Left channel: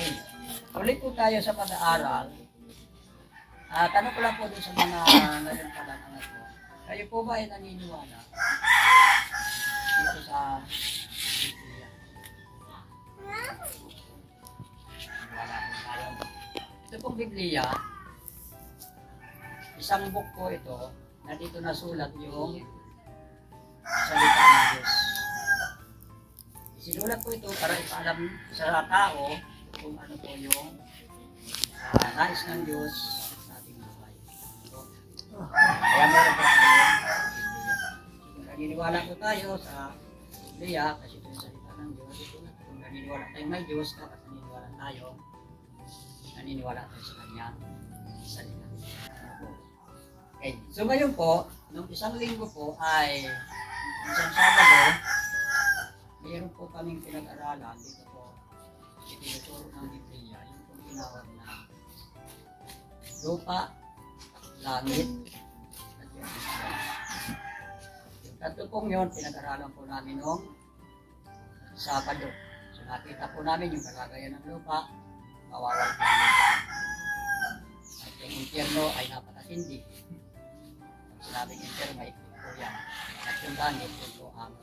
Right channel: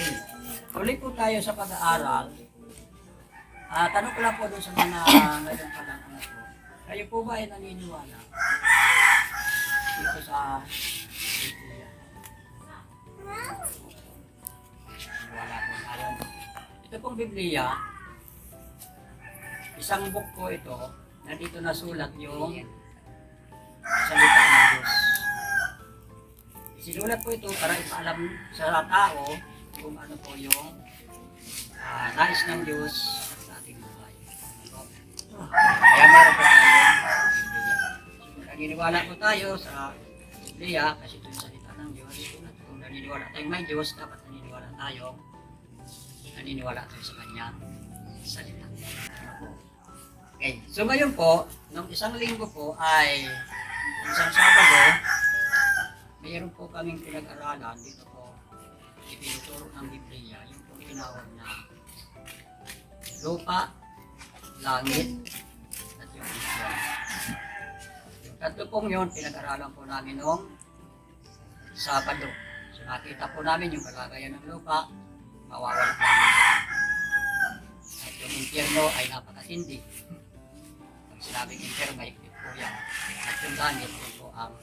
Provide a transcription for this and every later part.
Okay. Ulit po tayo sa pag-aaral. Tanong ko lang po doon sa mga ngayon pa lang anak ko. Kayo po ba ay naniniwala dito sa Biblia? Wala po tayo. Ito pong Biblia, isang book po ito na dito nasulat yung salita ng Diyos. Sinulat po ito para ipaalam sa tao kung ano po yung nais ng Diyos sa ating buhay. Kaya meron po tayo Biblia. Kung naniniwala po tayo sa Biblia, kasi ito yung salita ng Diyos, kung naniniwala tayong may Diyos, dapat naniniwala tayo sa Kanyang salita. Ano po? Okay, so ngayon po, nung isang linggo po ay isang Sabado, mayroon po kaming pinag-aralan dito po, itinuturo ng Biblia, yung pong tinawag na lupa, langit, at yung Israel. Yung tatlo pong yun, pinag-aralan po namin noong Sabado. So nakita po namin yung kalagayan ng lupa, mawawala ng langit. At yung impyerno ay napakatindi. Pag sinabing impyerno, mahigpit po yan. At yung langit, yun po ang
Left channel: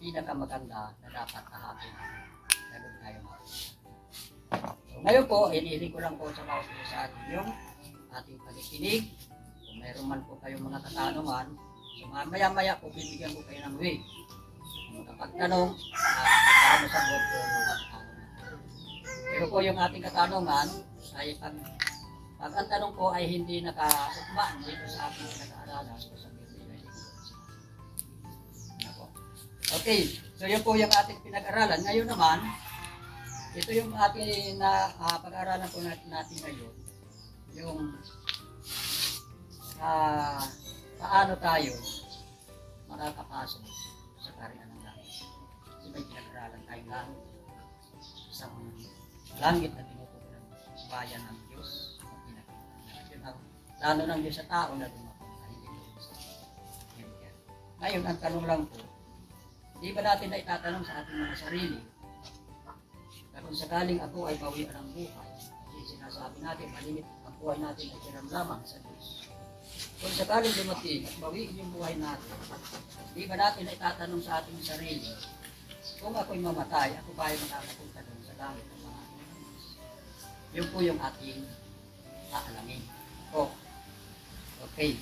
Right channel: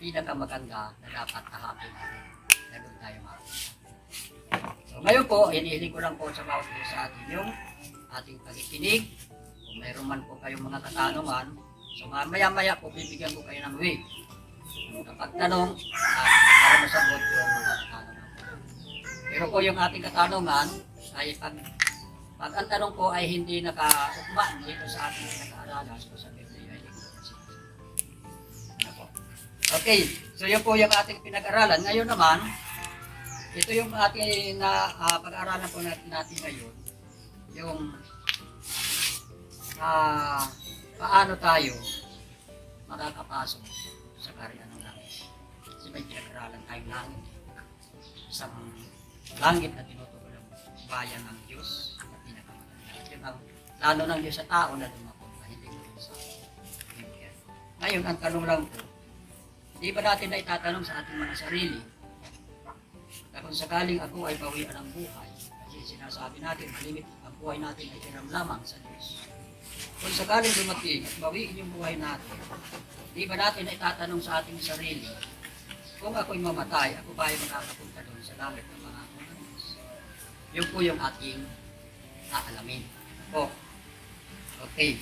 pinakamaganda na dapat kahapin natin. Na doon tayo makita. So ngayon po, hinihiling ko lang po sa bawat isa sa atin yung ating pakikinig. Kung mayroon man po kayong mga katanungan, so maya-maya po bibigyan ko kayo ng way. Kapag tanong, para masagot yung mga katanungan. Pero po yung ating katanungan ay pag ang tanong po ay hindi nakaukma dito sa ating pinag-aaralan so sa Biblia ay ano po. Okay, so yun po yung ating pinag-aaralan. Ngayon naman, ito yung ating pag-aaralan po natin ngayon. Yung paano tayo makakapasok sa kaharian ng langit. Kasi may pinag-aaralan tayong langit. Isang langit na tinutukoy ng bayan ng Diyos na pinakamaganda. At yun ang plano ng Diyos sa tao na lumapunta, hindi ko sa Biblia. Ngayon, ang tanong lang po, di ba natin na itatanong sa ating mga sarili na kung sakaling ako ay bawian ng buhay, kasi sinasabi natin, malimit ang buhay natin ay tiram lamang sa Diyos. Kung sakaling dumating at bawiin yung buhay natin, di ba natin na itatanong sa ating sarili, kung ako'y mamatay, ako ba ay makakapunta doon sa langit ng mga ako ng Diyos? Yun po yung ating aalamin. Po. Okay.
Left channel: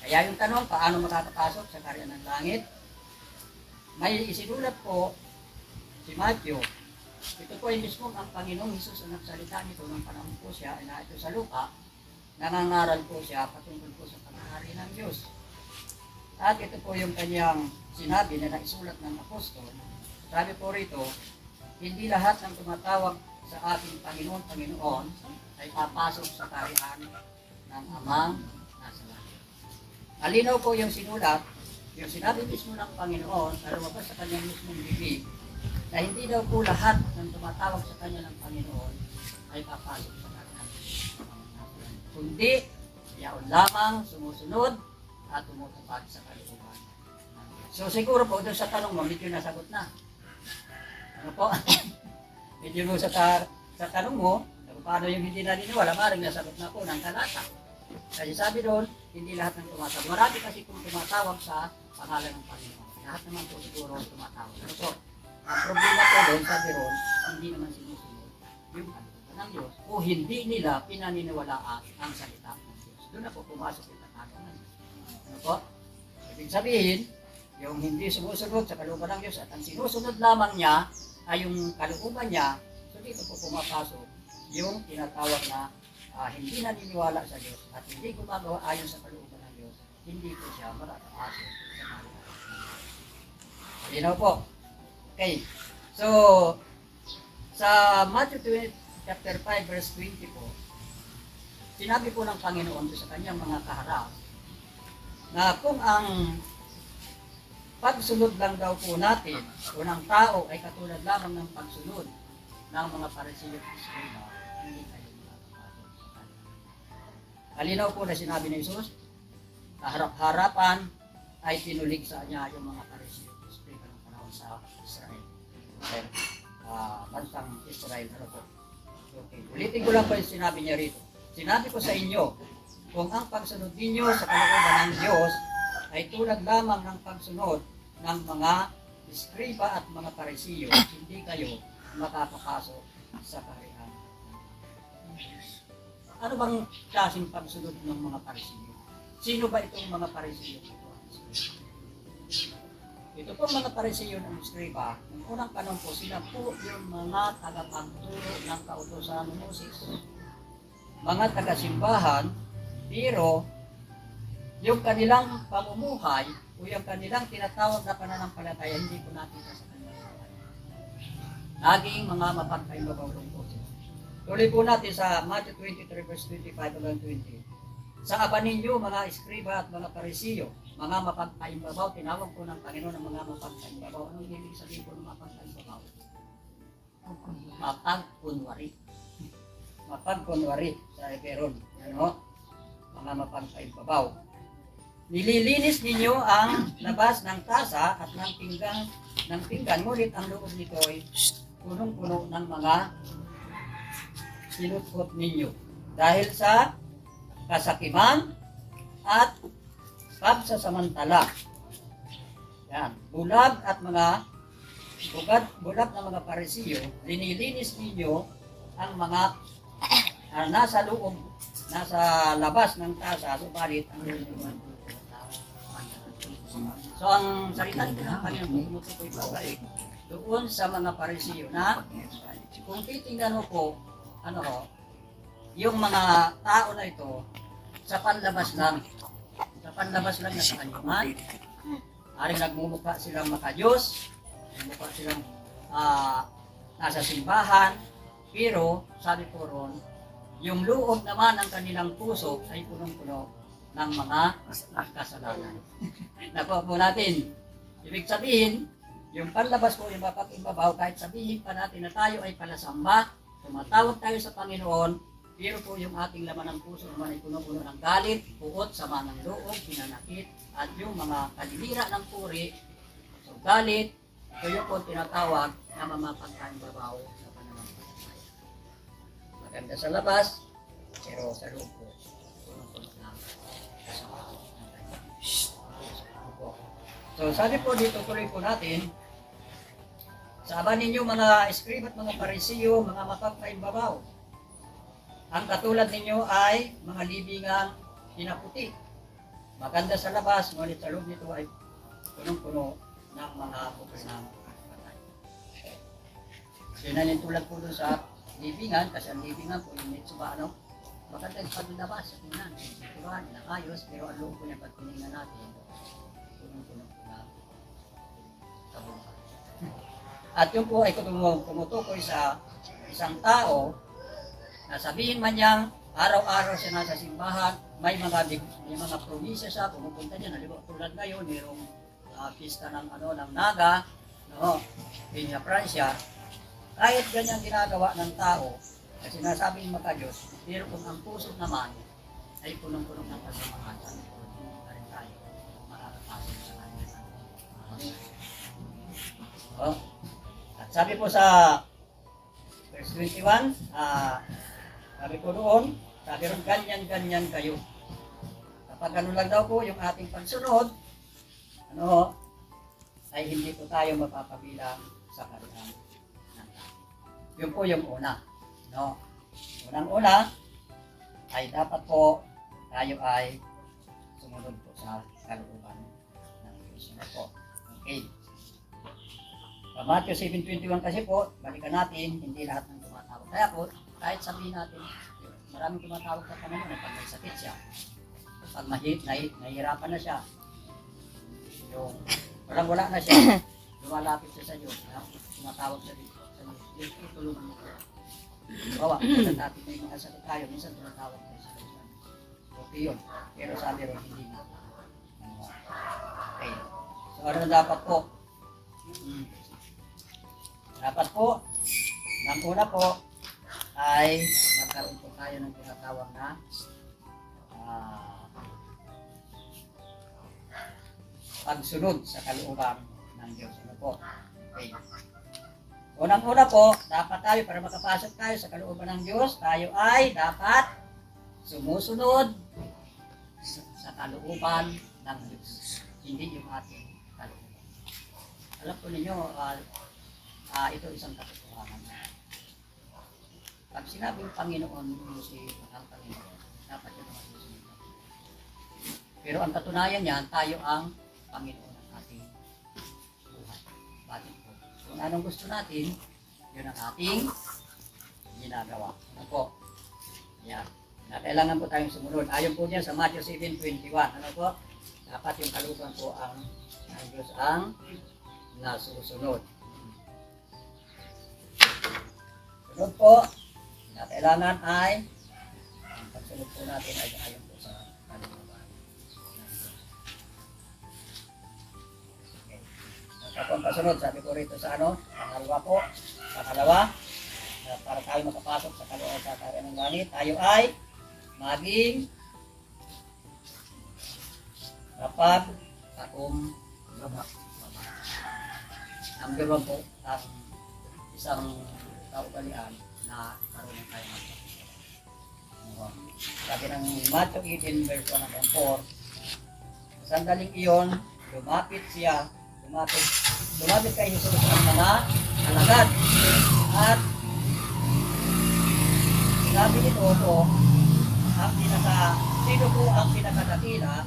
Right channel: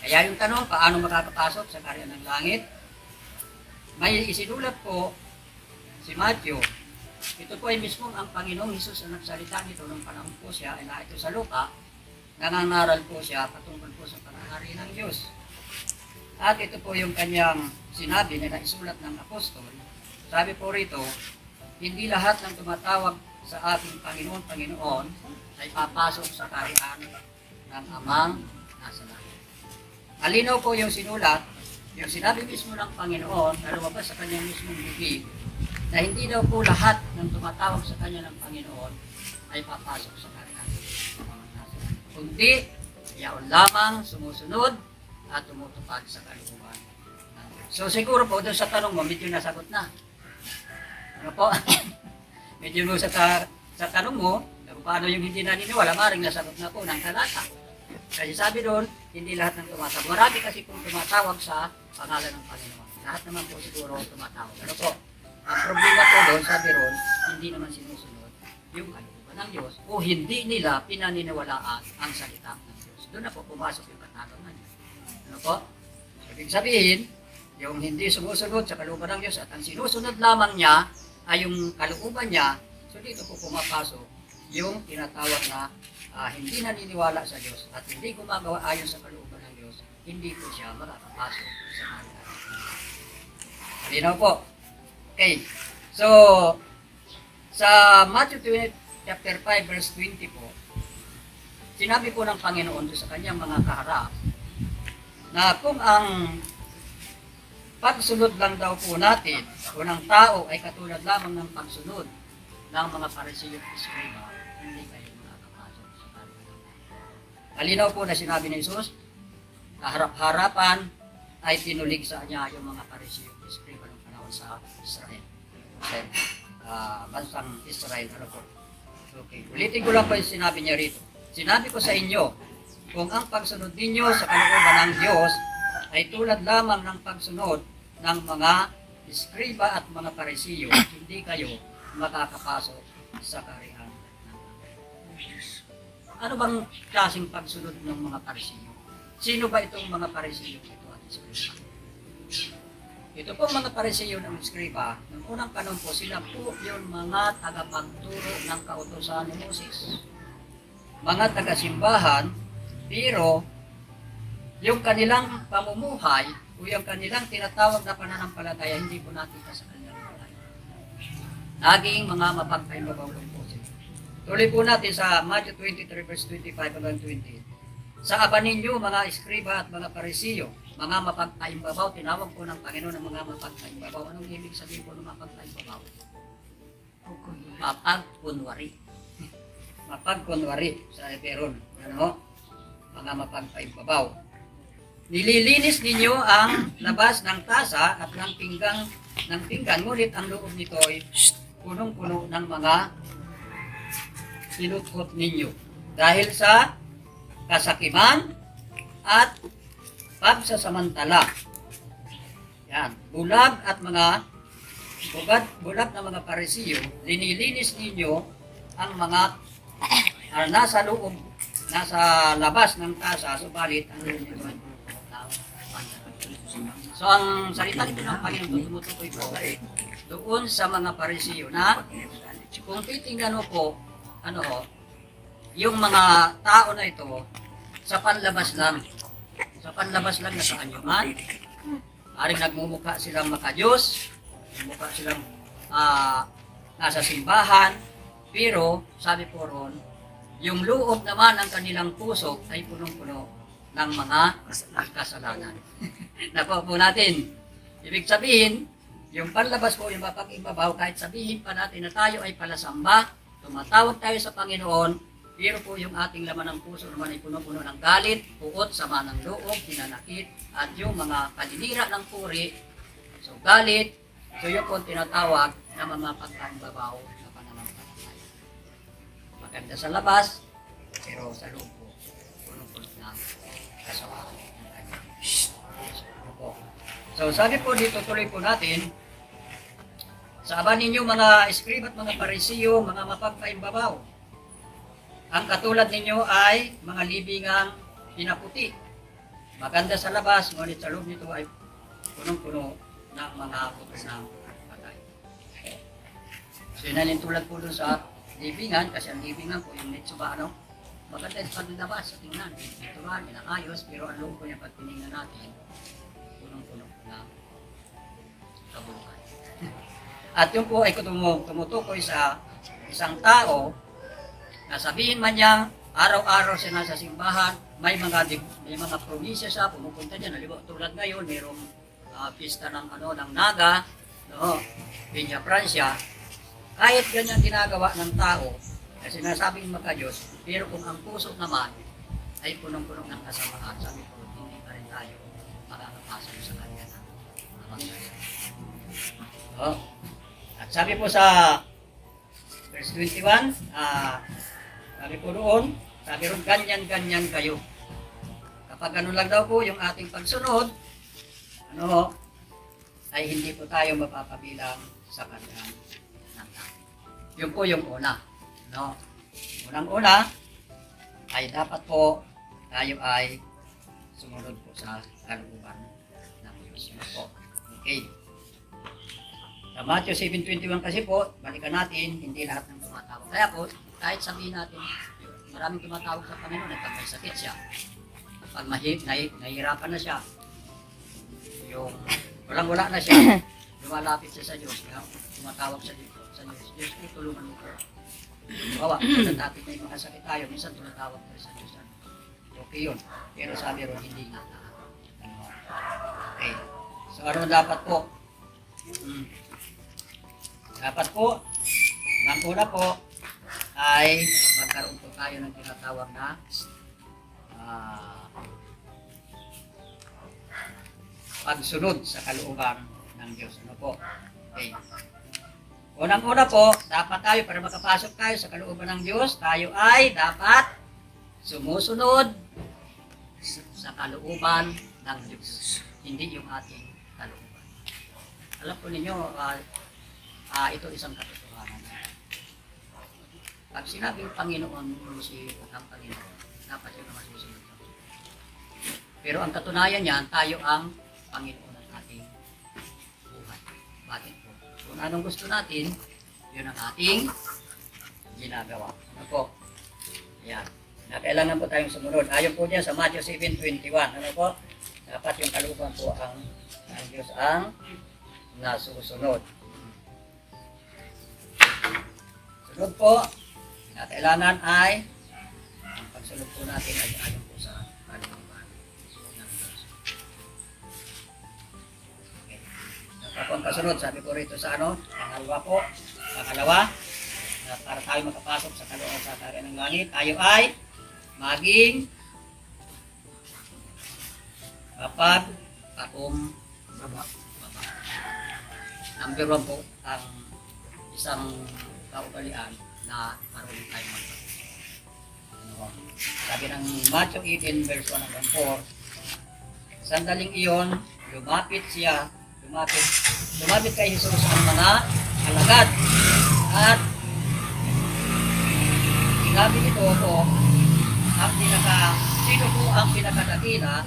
Kaya yung tanong, paano makakapasok sa kaharian ng langit? May isinulat po si Matthew. Ito po ay mismo ang Panginoong Hesus ang nagsalita nito nung panahon po siya, ay na ito sa Luka, nangangaral po siya patungkol po sa panahari ng Diyos. At ito po yung kanyang sinabi na naisulat ng apostol. Sabi po rito, hindi lahat ng tumatawag sa ating Panginoon ay papasok sa kaharian ng Amang nasa langit. Malinaw po yung sinulat, yung sinabi mismo ng Panginoon na lumabas sa kanyang mismong bibig, na hindi daw po lahat ng tumatawag sa kanya ng Panginoon ay papasok sa kaharian ng Amang nasa langit. Kundi, yaon lamang sumusunod at tumutupad sa kalooban ng Diyos. So siguro po, doon sa tanong mo, medyo nasagot na. Ano po? Medyo mo sa tanong mo, kung paano yung hindi naniniwala, maring nasagot na po ng talata. Kasi sabi doon, hindi lahat ng tumatawag. Marami kasi kung tumatawag sa pangalan ng Panginoon. Lahat naman po siguro tumatawag. Ano po? Ang problema po doon, sabi doon, hindi naman sinusunod yung kalooban ng Diyos o hindi nila pinaniniwalaan ang salita ng Diyos. Doon na po pumasok yung katanungan. Ano po? Ibig sabihin, yung hindi sumusunod sa kalooban ng Diyos at ang sinusunod lamang niya ay yung kalooban niya, so dito po pumapasok yung tinatawag na hindi naniniwala sa Diyos at hindi gumagawa ayon sa kalooban ng Diyos, hindi po siya makakapasok sa kaharian. Malinaw po. Okay. So, sa Matthew chapter 5 verse 20 po, sinabi po ng Panginoon sa kanyang mga kaharap na kung ang pagsunod lang daw po natin o ng tao ay katulad lamang ng pagsunod ng mga Pariseo at Eskriba, hindi kayo makakapasok sa kaharian. Malinaw po na sinabi ni Jesus, kaharap-harapan ay tinulig sa niya yung mga Pariseo at Eskriba ng panahon sa Israel. Okay. bansang Israel. Ano po? Okay. Ulitin ko lang po yung sinabi niya rito. Sinabi ko sa inyo, kung ang pagsunod ninyo sa kalooban ng Diyos ay tulad lamang ng pagsunod ng mga eskriba at mga parisiyo, hindi kayo makakapasok sa kaharian ng Diyos. Ano bang klaseng pagsunod ng mga parisiyo? Sino ba itong mga parisiyo ito at eskriba? Ito po mga parisiyo ng eskriba, ng unang panahon po, sila po yung mga tagapagturo ng kautusan ni Moses. Mga taga-simbahan, pero yung kanilang pamumuhay o yung kanilang tinatawag na pananampalataya, hindi po nakita sa kanilang buhay. Naging mga mapagkaimbabaw lang po sila. Tuloy po natin sa Matthew 23 verse 25 hanggang 20. Sa aba ninyo, mga eskriba at mga parisiyo, mga mapagkaimbabaw, tinawag po ng Panginoon ng mga mapagkaimbabaw. Anong ibig sabihin po ng mapagkaimbabaw? Mapagkunwari. Mapagkunwari sa Eperon. Ano? Mga mapagkaimbabaw. Nililinis ninyo ang labas ng tasa at ng pinggan, ngunit ang loob nito ay punong-puno ng mga sinutkot ninyo. Dahil sa kasakiman at pagsasamantala. Yan. Bulag na mga parisiyo, linilinis ninyo ang mga nasa loob, nasa labas ng tasa, subalit ang loob nito ay so ang salita nito ng Panginoon tumutukoy po doon sa mga parisiyo na kung titingnan mo po, yung mga tao na ito sa panlabas lang na kaanyuan, aring nagmumukha silang makadiyos, nagmumukha silang nasa simbahan, pero sabi po ron, yung loob naman ng kanilang puso ay punong-puno ng mga kasalanan. Nakuha po natin. Ibig sabihin, yung panlabas po, yung mapag-imbabaw, kahit sabihin pa natin na tayo ay palasamba, tumatawag tayo sa Panginoon, pero po yung ating laman ng puso naman ay puno-puno ng galit, puot, sama ng loob, pinanakit, at yung mga kalinira ng puri. So galit, ito yung po tinatawag na mamapagkaimbabaw na pananampalataya. Maganda sa labas, pero sa loob po, puno-puno ng kasamaan ng kanyang puso. So sabi po dito, tuloy po natin, sa aba ninyo mga eskriba at mga parisiyo, mga mapagkaimbabaw, ang katulad ninyo ay mga libingang pinaputi. Maganda sa labas, ngunit sa loob nito ay punong-puno ng mga puto ng patay. So yun ang tulad po dun sa libingan, kasi ang libingan po yung metsuba, maganda yung paglabas sa tingnan, pinituran, inakayos, pero ang loob po niya pag tinignan natin, punong-puno po ng kabuluhan. At yun po ay tumutukoy sa isang tao na sabihin man niyang araw-araw siya nasa simbahan, may mga probinsya siya, pumupunta diyan. Halimbawa, tulad ngayon, mayroong pista ng Naga, Peña Francia. Kahit ganyan ginagawa ng tao, kasi nasabing makadiyos, pero kung ang puso naman ay punong-punong ng kasamaan, sabi ko, hindi pa rin tayo makakapasok sa kanya ng mga magkaya. At sabi po sa verse 21, sabi po doon, sabi ron, ganyan-ganyan kayo. Kapag ganun lang daw po yung ating pagsunod, ay hindi po tayo mapapabilang sa kaharian ng tao. Yun po yung una. Unang-una, ay dapat po tayo ay sumunod po sa kalooban ng Diyos. Okay. Sa Matthew 7:21 kasi po, balikan natin, hindi lahat ng tumatawag. Kaya po, kahit sabihin natin, maraming tumatawag sa Panginoon ay pag may sakit siya, pag nahihirapan na siya, yung walang-wala na siya, lumalapit siya sa Diyos, tumatawag sa Diyos, Diyos po, tulungan mo ko. Bawa, dati may mga sakit tayo, minsan tumatawag tayo sa Diyos. Okay yun, pero sabi ron, hindi nga na. Okay, so ano dapat po? Dapat po, ng una po, ay magkaroon po tayo ng tinatawag na pagsunod sa kalooban ng Diyos. Okay. Unang-una po, dapat tayo para makapasok tayo sa kalooban ng Diyos, tayo ay dapat sumusunod sa kalooban ng Diyos, hindi yung ating kalooban. Alam po ninyo, ito isang katotohanan. Pag sinabing Panginoon mo si ang Panginoon, dapat yun naman susunod. Pero ang katunayan niyan, tayo ang Panginoon ng ating buhay. Bakit po? Kung anong gusto natin, yun ang ating ginagawa. Ano po? Yan. Kailangan po tayong sumunod. Ayon po diyan sa Matthew 7:21. Ano po? Dapat yung kalooban po ang Diyos ang nasusunod. Sunod po, kailangan ay ang pagsunod po natin ay ayon po sa kalooban ng Diyos. Okay. Ang kasunod, sabi ko rito sa pangalawa, para tayo makapasok sa kalooban sa kaharian ng langit, tayo ay maging mapagpakumbaba. Number 1 po, ang isang kaugalian na marunong tayo magpakumbaba. Sabi ng Matthew 18 verse 1 hanggang 4, sandaling iyon, lumapit kay Jesus ang mga alagad at sinabi nito po, sino po ang pinakadakila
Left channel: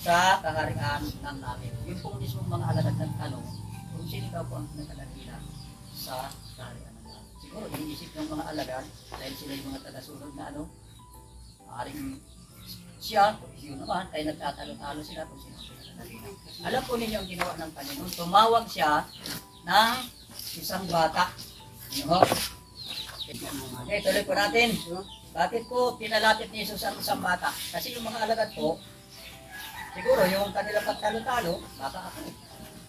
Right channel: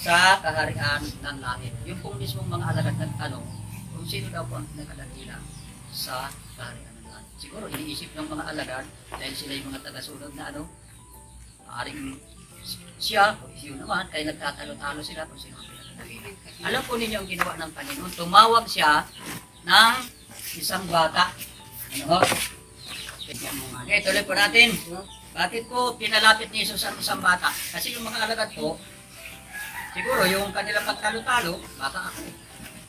sa kaharian ng langit. Yung pong mismong mga alagad nagtanong kung sino daw po ang pinakadakila sa kaharian ng langit. Siguro iniisip ng mga alagad dahil sila yung mga tagasunod na maaaring siya o siyo naman, kaya nagtatalo-talo sila kung sino ang pinakadakila. Alam po ninyo ang ginawa ng Panginoon, tumawag siya ng isang bata. Ano? Okay, tuloy po natin. Bakit po pinalapit ni Jesus ang isang bata? Kasi yung mga alagad po, siguro yung kanila pagtalo-talo, baka ako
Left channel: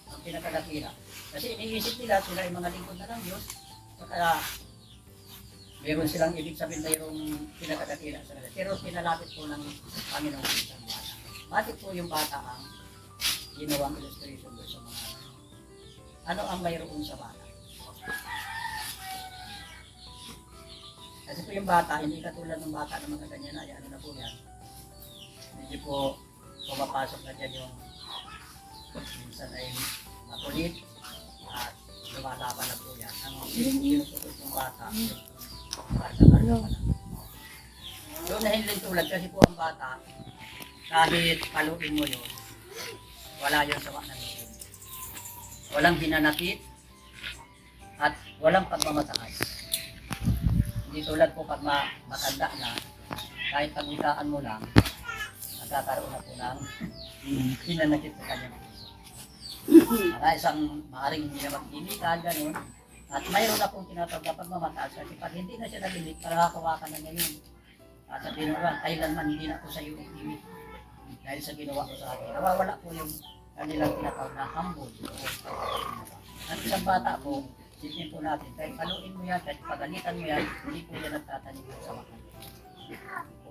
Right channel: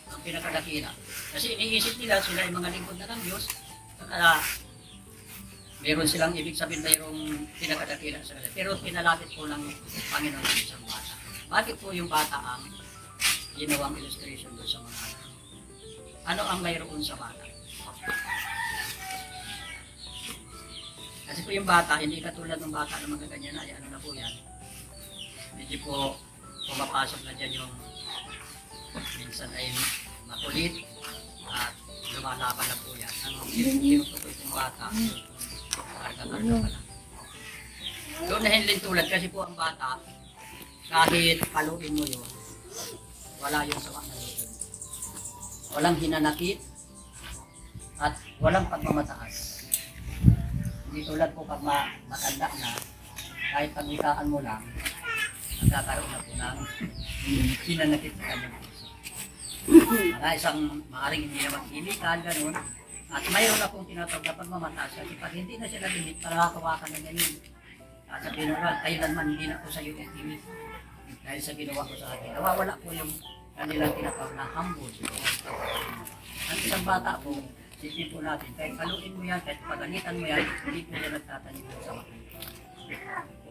ang pinakadakila. Kasi iniisip nila sila yung mga lingkod na ng Diyos, kaya meron silang ibig sabihin mayroong pinakadakila sa kanila. Pero pinalapit po ng Panginoon ang isang bata. Bakit po yung bata ang ginawang illustration doon sa mga alagad? Ano ang mayroon sa bata? Kasi po yung bata, hindi katulad ng bata na mga ganyan ay ano na po yan. Medyo po pumapasok na dyan yung minsan ay makulit at lumalaban na po yan. Ang tinutukoy pong bata, karga-karga pa lang. Doon na hindi tulad kasi po ang bata, kahit paluin mo yun, wala yun sa ng loob. Walang hinanakit at walang pagmamataas. Hindi tulad po pag matanda na, kahit pagwikaan mo lang, nagkakaroon na po ng hinanakit sa kanyang puso. Isang maaaring hindi naman illegal, ganun. At mayroon na pong tinatawag na pagmamataas. Kasi pag hindi na siya nag-imik, parakawakan na niya yun. At sabihin mo, kailanman hindi na po sa iyo imik. Dahil sa ginawa ko sa akin. Nawawala po yung kanilang tinatawag na humble. Ang isang bata po, sisipin po natin, kahit paluin mo yan, kahit paganitan mo yan, hindi po yan nagtatanim sa makin.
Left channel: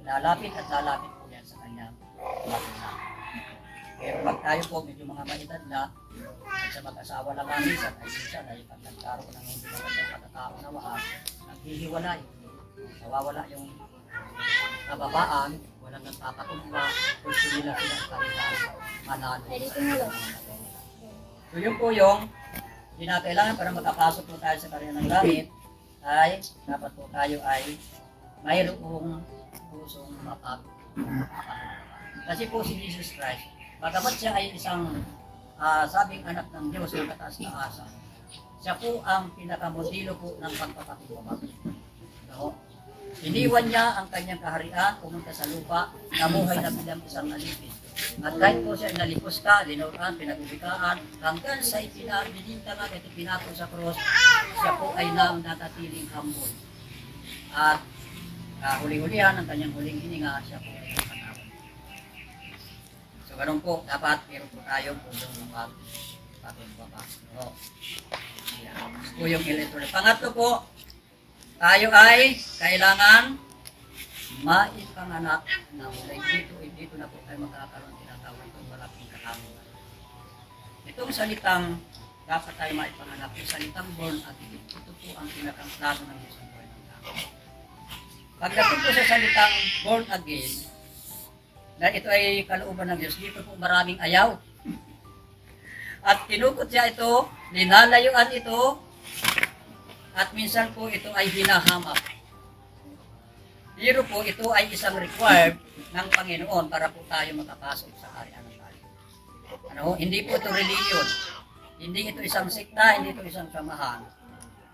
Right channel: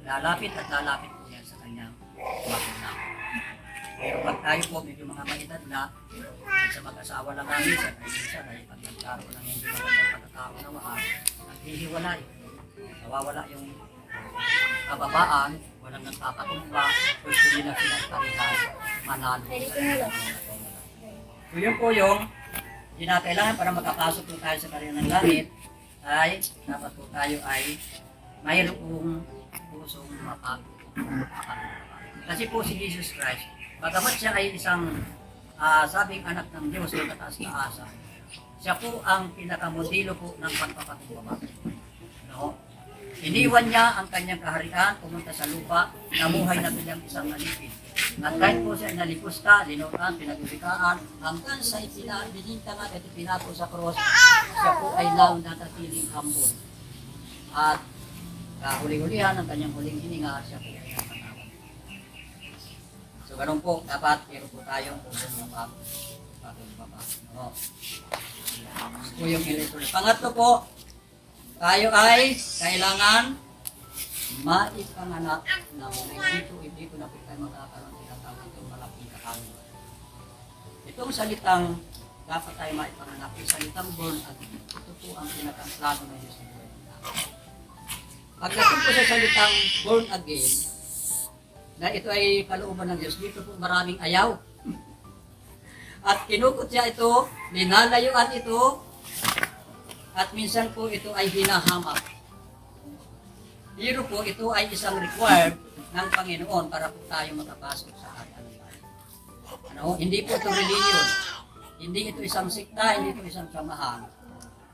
Lalapit at lalapit po yan sa kanyang magulang. Pero pag tayo po, medyo mga maedad na, sa mag-asawa lang namin, sa tayo minsan ay pag nagkaroon ng hindi magandang pagkakaunawaan, naghihiwalay. Nawawala yung kababaan, walang nagpapatumba, gusto nila sila parehas, manalo. So yun po yung kinakailangan para makapasok po tayo sa kaharian ng langit ay dapat po tayo ay mayroong pusong mapagpakumbaba. Kasi po si Jesus Christ, bagamat siya ay isang sabing anak ng Diyos ng kataas-taasan, siya po ang pinakamodelo po ng pagpapakumbaba. No? Iniwan niya ang kanyang kaharian, pumunta sa lupa, namuhay na bilang isang alipin. At kahit po siya nalipusta, linuran, pinagbibigkaan, hanggang sa ibinintangan at ipinato sa cross, siya po ay natatiling humble. At huli-hulihan ang kanyang huling hininga, siya po ay napatawad. So ganun po, dapat meron po tayong pusong mapagpakumbaba. No? Po yung electoral. Pangatlo po, tayo ay kailangan maipanganak na mula dito na po tayo magkakaroon tinatawag itong malaking katanungan. Itong salitang dapat tayo maipanganak. Yung salitang born again, ito po ang pinakang plano ng Diyos sa buhay ng tao. Pagdating po sa salitang born again, na ito ay kalooban ng Diyos, dito po maraming ayaw. At kinukot siya ito, linalayuan ito, at minsan po ito ay hinahamak. Pero po ito ay isang required ng Panginoon para po tayo makapasok sa kaharian ng langit. Hindi po ito religion. Hindi ito isang sikta, hindi ito isang samahan.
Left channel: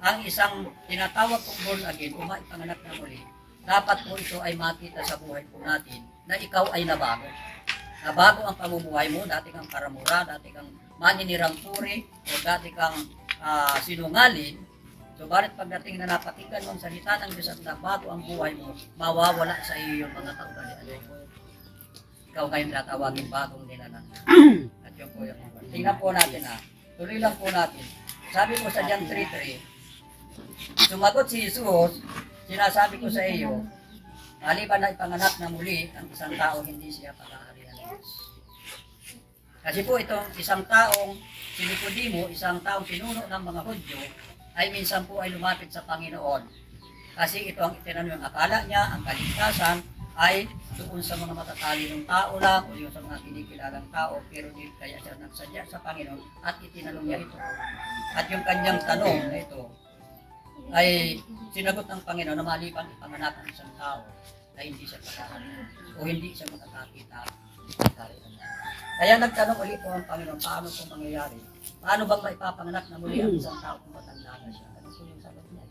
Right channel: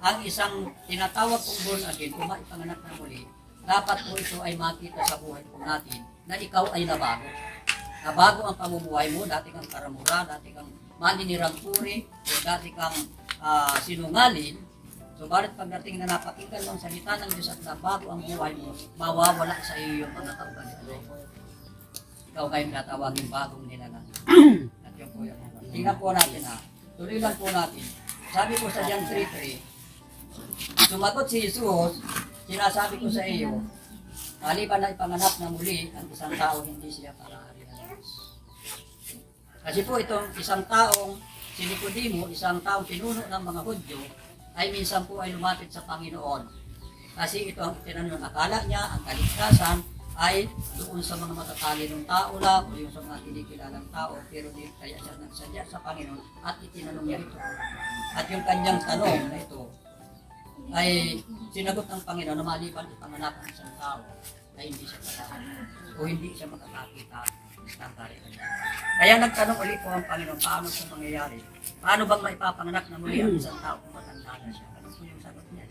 Ang isang tinatawag kong born again, kung maipanganak na muli, dapat po ito ay makita sa buhay po natin na ikaw ay nabago. Nabago ang pamumuhay mo, dati kang karamura, dati kang maninirang puri, o dati kang sinungaling. So, balit pagdating na napakinggan mo ang salita ng Diyos at nabago ang buhay mo, mawawala sa iyo yung mga kaugalian na yun. Ikaw ngayon tatawagin bagong nilalang. At yun po yung mga. Tingnan po natin tuloy lang po natin. Sabi ko sa John 3:3, sumagot si Jesus, sinasabi ko sa iyo, maliban na ipanganak na muli, ang isang tao hindi siya palaharian ng Diyos. Kasi po itong isang taong si Nicodemo, isang taong pinuno ng mga Hudyo, ay minsan po ay lumapit sa Panginoon. Kasi ito ang itinanong, akala niya, ang kaligtasan ay doon sa mga matatalinong tao lang o yung sa mga kinikilalang tao, pero di kaya siya nagsadya sa Panginoon at itinanong niya ito. At yung kanyang tanong na ito ay sinagot ng Panginoon na maliban ipanganak ang isang tao ay hindi siya patahalian o hindi siya makakakita sa kaharian. Kaya nagtanong ulit po ang Panginoon, paano ito mangyayari? Paano bang maipapanganak na muli ang isang tao kung matanda na siya? Ano po yung sagot niya?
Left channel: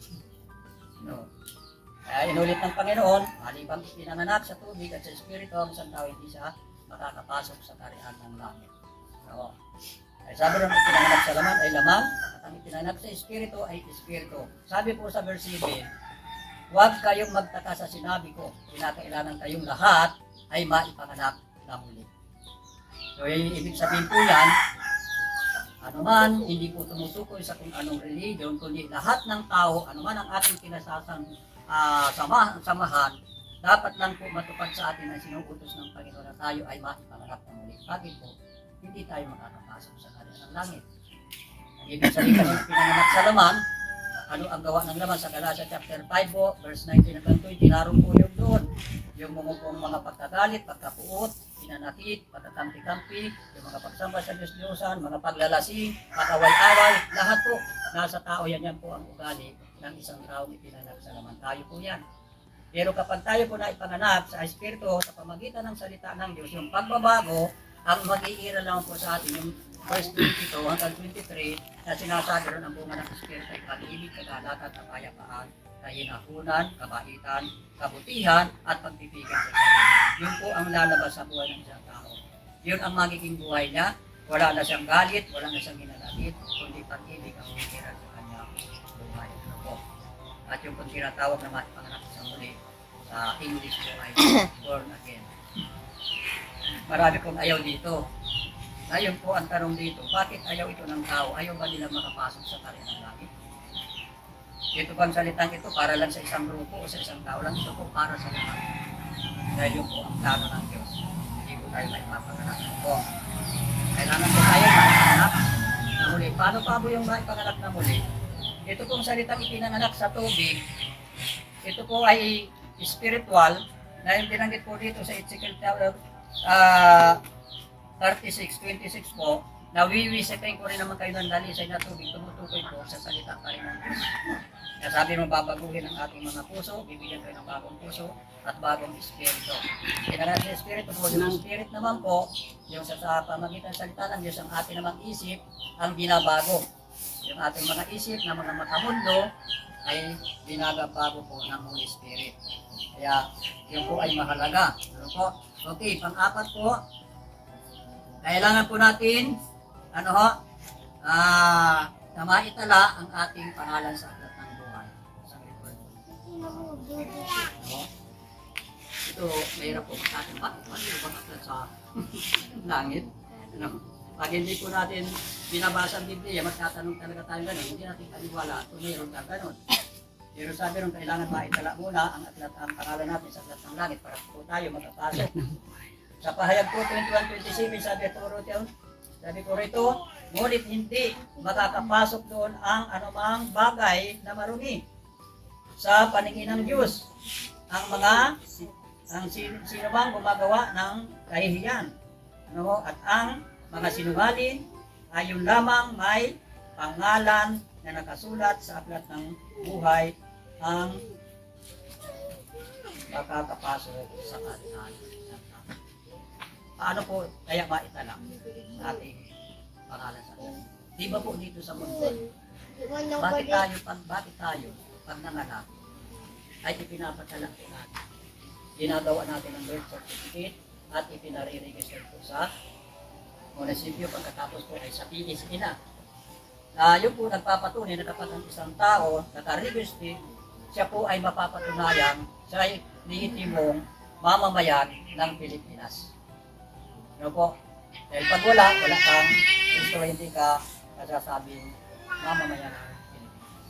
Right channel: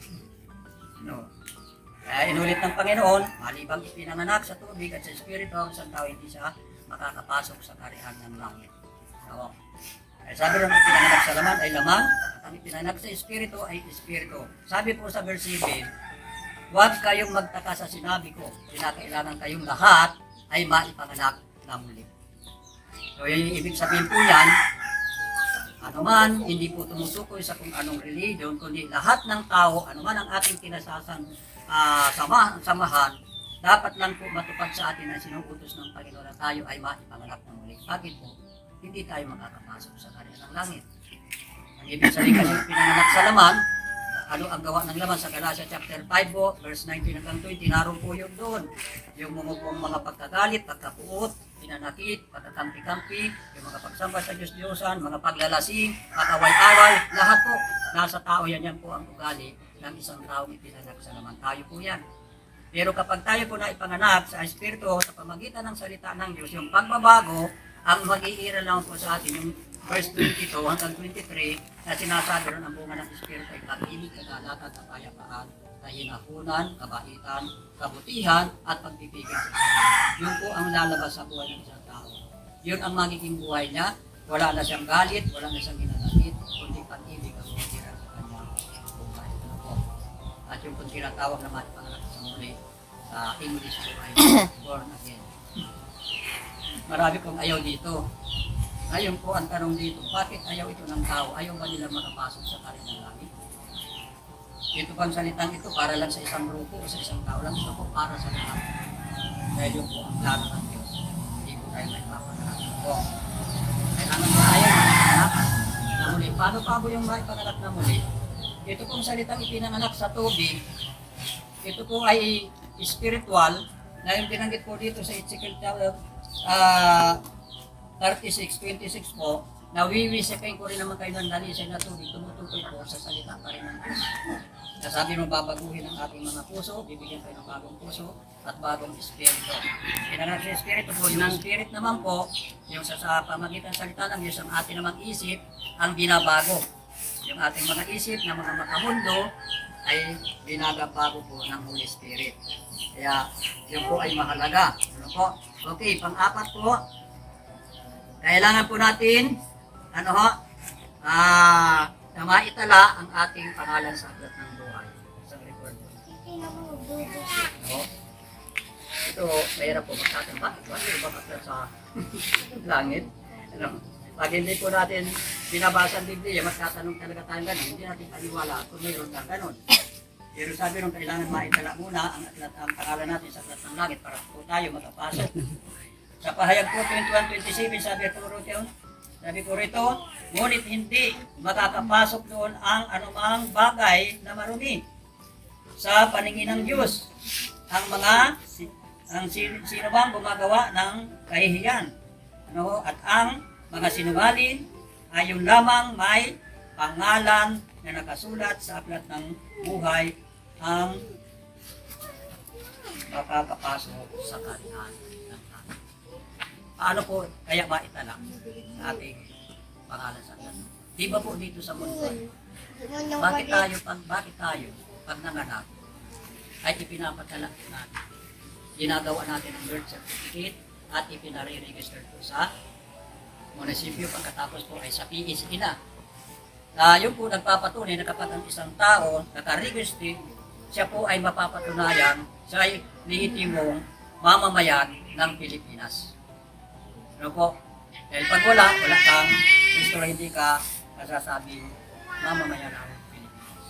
Kaya inulit ng Panginoon, malibang ipinanganak sa tubig at sa Espiritu, ang isang tao hindi siya makakapasok sa kaharian ng langit. Kaya sabi rin, ipinanganak sa laman ay laman, at ang ipinanganak sa Espiritu ay Espiritu. Sabi po sa verse 7, huwag kayong magtaka sa sinabi ko, kinakailangan kayong lahat ay maipanganak na muli. So, ibig sabihin po yan, anuman, hindi po tumutukoy sa kung anong religion, kundi lahat ng tao, anuman ang ating samahan, dapat lang po matupad sa atin ang sinuutos ng Panginoon na tayo ay maipanganak ng muli. Bakit po? Hindi tayo makakapasok sa kaharian ng langit. Ang ibig sabihin kasi pinanganak sa laman, ano ang gawa ng laman sa Galatia chapter 5 po, verse 19 hanggang 20, naroon po yun doon. Yung mga pagkagalit, pagkapuot, pinanakit, pagkakampi-kampi, yung mga pagsamba sa Diyos-Diyosan, mga paglalasing, pag-away-away, lahat po, nasa tao yan po ang ugali ng isang taong ipinanganak sa laman. Tayo po yan. Pero kapag tayo po na ipanganak sa Espiritu, sa pamagitan ng salita ng Diyos, yung pagbabago, ang mag-iiral lang po sa atin, yung verse 22 hanggang 23, na sinasabi ron ang bunga ng Espiritu ay pag-ibig, kagalatan, kapayapaan, kahinahunan, kabaitan, kabutihan, at pagpipigil sa sarili. Yun po ang lalabas sa buhay ng isang tao. Yun ang magiging buhay niya. Wala na siyang galit, wala na siyang ginagalit, kundi pag-ibig ang umikiran sa kanyang buhay. Ano po? At yung kung tinatawag na maipanganak sa muli, sa English po ay born again. Marami pong ayaw dito. Ngayon po ang tanong dito, bakit ayaw ito ng tao? Ayaw ba nila makapasok sa kaharian ng langit? Ito bang salitang ito para lang sa isang grupo o sa isang tao lang? Ito po para sa lahat. Dahil yun po ang plano ng Diyos. Hindi po tayo may mapanganak. Ano po? Kailangan po tayo maipanganak na muli. Paano pa po yung maipanganak na muli? Ito pong salitang ipinanganak sa tubig, ito po ay spiritual, na yung binanggit po dito sa Ezekiel 36:26 po, nawiwisipin ko rin naman kayo ng dalisay na tubig, tumutukoy po sa salita pa rin ng Diyos. Kaya sabi mo, babaguhin ang ating mga puso, bibigyan kayo ng bagong puso at bagong espiritu. Kinalat sa espiritu po, yung spirit naman po, yung sa pamagitan ng salita ng Diyos, ang ating namang isip, ang binabago. Yung ating mga isip na mga makamundo ay binagabago po ng Holy Spirit. Kaya yun po ay mahalaga. Ano po? Okay, pang-apat po, kailangan po natin, na maitala ang ating pangalan sa aklat ng buhay. Sa record. Ito, mahirap po sa atin. Bakit ba aklat sa langit? Pag hindi po natin binabasa ang Biblia, magtatanong talaga tayo ganun. Hindi natin paniwala kung mayroon kang ganun. Pero sabi nung kailangan maitala muna ang pangalan natin sa aklat ng langit para po tayo makapasok. Sa pahayag po 21:27, sabi ko rin yun, Sabi ko rito, ngunit hindi makakapasok doon ang anumang bagay na marumi sa paningin ng Diyos. Ang sino bang gumagawa ng kahihiyan. At ang mga sinungaling ay yun lamang may pangalan na nakasulat sa aklat ng buhay ang makakapasok sa kaharian ng Diyos. Paano po kaya maitala sa ating pangalan sa Diyos? Di ba po dito sa mundo, bakit tayo pag nanganak ay ipinapatala natin? Ginagawa natin ang birth certificate at ipinare-register po sa munisipyo, pagkatapos po ay sa PSA na. Yun po nagpapatunay na kapag ang isang tao nakaregister, siya po ay mapapatunayan siya ay lehitimong mamamayan ng Pilipinas. Ano po? Dahil pag wala kang gusto, hindi ka masasabing mamamayan ng Pilipinas.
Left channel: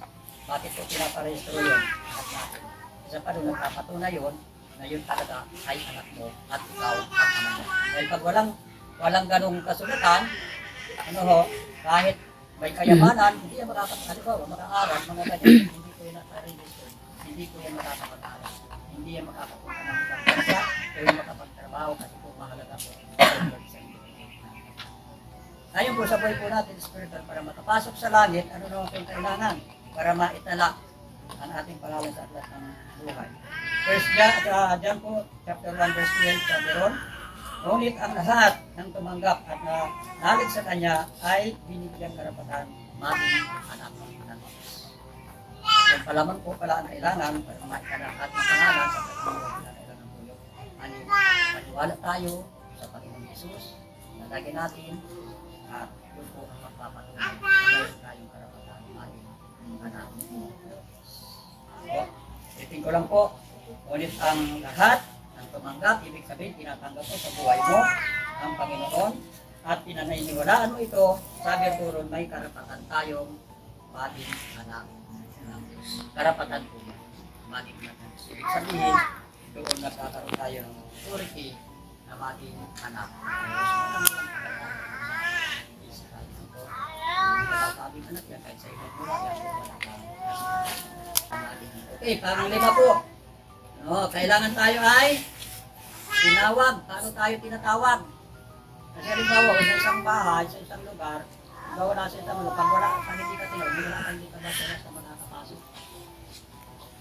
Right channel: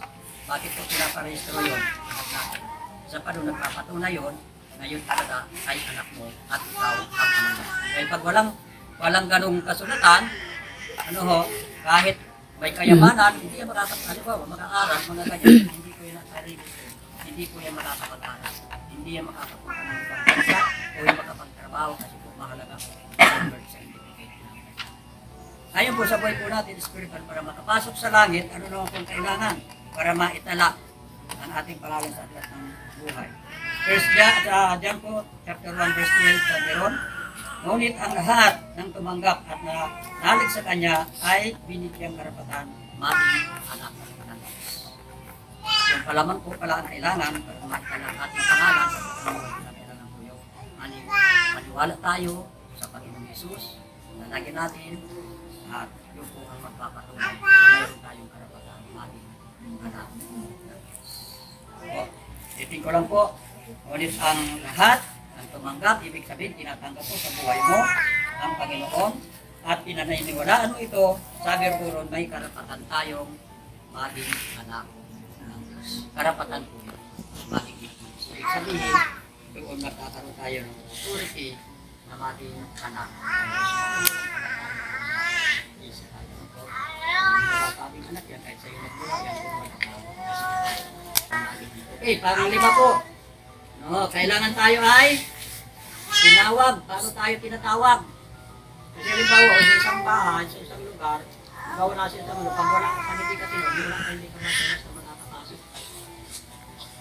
Bakit po pinaparehistro yun? Anak natin. Isa pa doon nagpapatunay yun na yun talaga ay anak mo at ikaw ang ama niya. Dahil pag walang ganong kasulatan, kahit may kayamanan, hindi yan makaka-aral, mga ganyan, hindi ko yan nasa-register, hindi ko yan makakapag-aral, hindi yan makakapunta ng ibang bansa, o yan makapagtrabaho kasi po mahalaga po sa certificate natin. Ngayon po sa buhay po natin, spiritual, para makapasok sa langit, ano naman kung kailangan para maitala ang ating pangalan sa aklat ng buhay. First John po, chapter 1, verse 12, sabi ron, ngunit ang lahat ng tumanggap at nalig sa Kanya ay binigyang karapatan maging anak ng Diyos. Yung palaman po pala ang kailangan para maitala ang ating pangalan sa pagkakas na kailangan po yung maniwala tayo sa Panginoong Jesus, lalagyan natin at yun po ang magpapatunay na mayroon tayong karapatan maging anak ng Diyos. Itin ko lang po, ngunit ang lahat ang tumanggap, ibig sabihin, tinatanggap mo sa buhay mo ang Panginoon at pinaniniwalaan mo ito, sabi ko ron, may karapatan tayong maging anak ng Diyos. Karapatan po yan, maging anak ng Diyos. Ibig sabihin, doon nagkakaroon tayo ng authority na maging anak ng Diyos. Isa tayo po. Hindi matasabing anak yan, kahit sa iyo nagmula yan, kung okay, pang-lima po. Kailangan tayo ay tinawag. Paano tayo tinatawag? Kasi halimbawa, sa isang bahay, sa isang lugar, wala sa isang lugar, pag wala ka, hindi ka tinawag, hindi ka masaya sa makakapasok.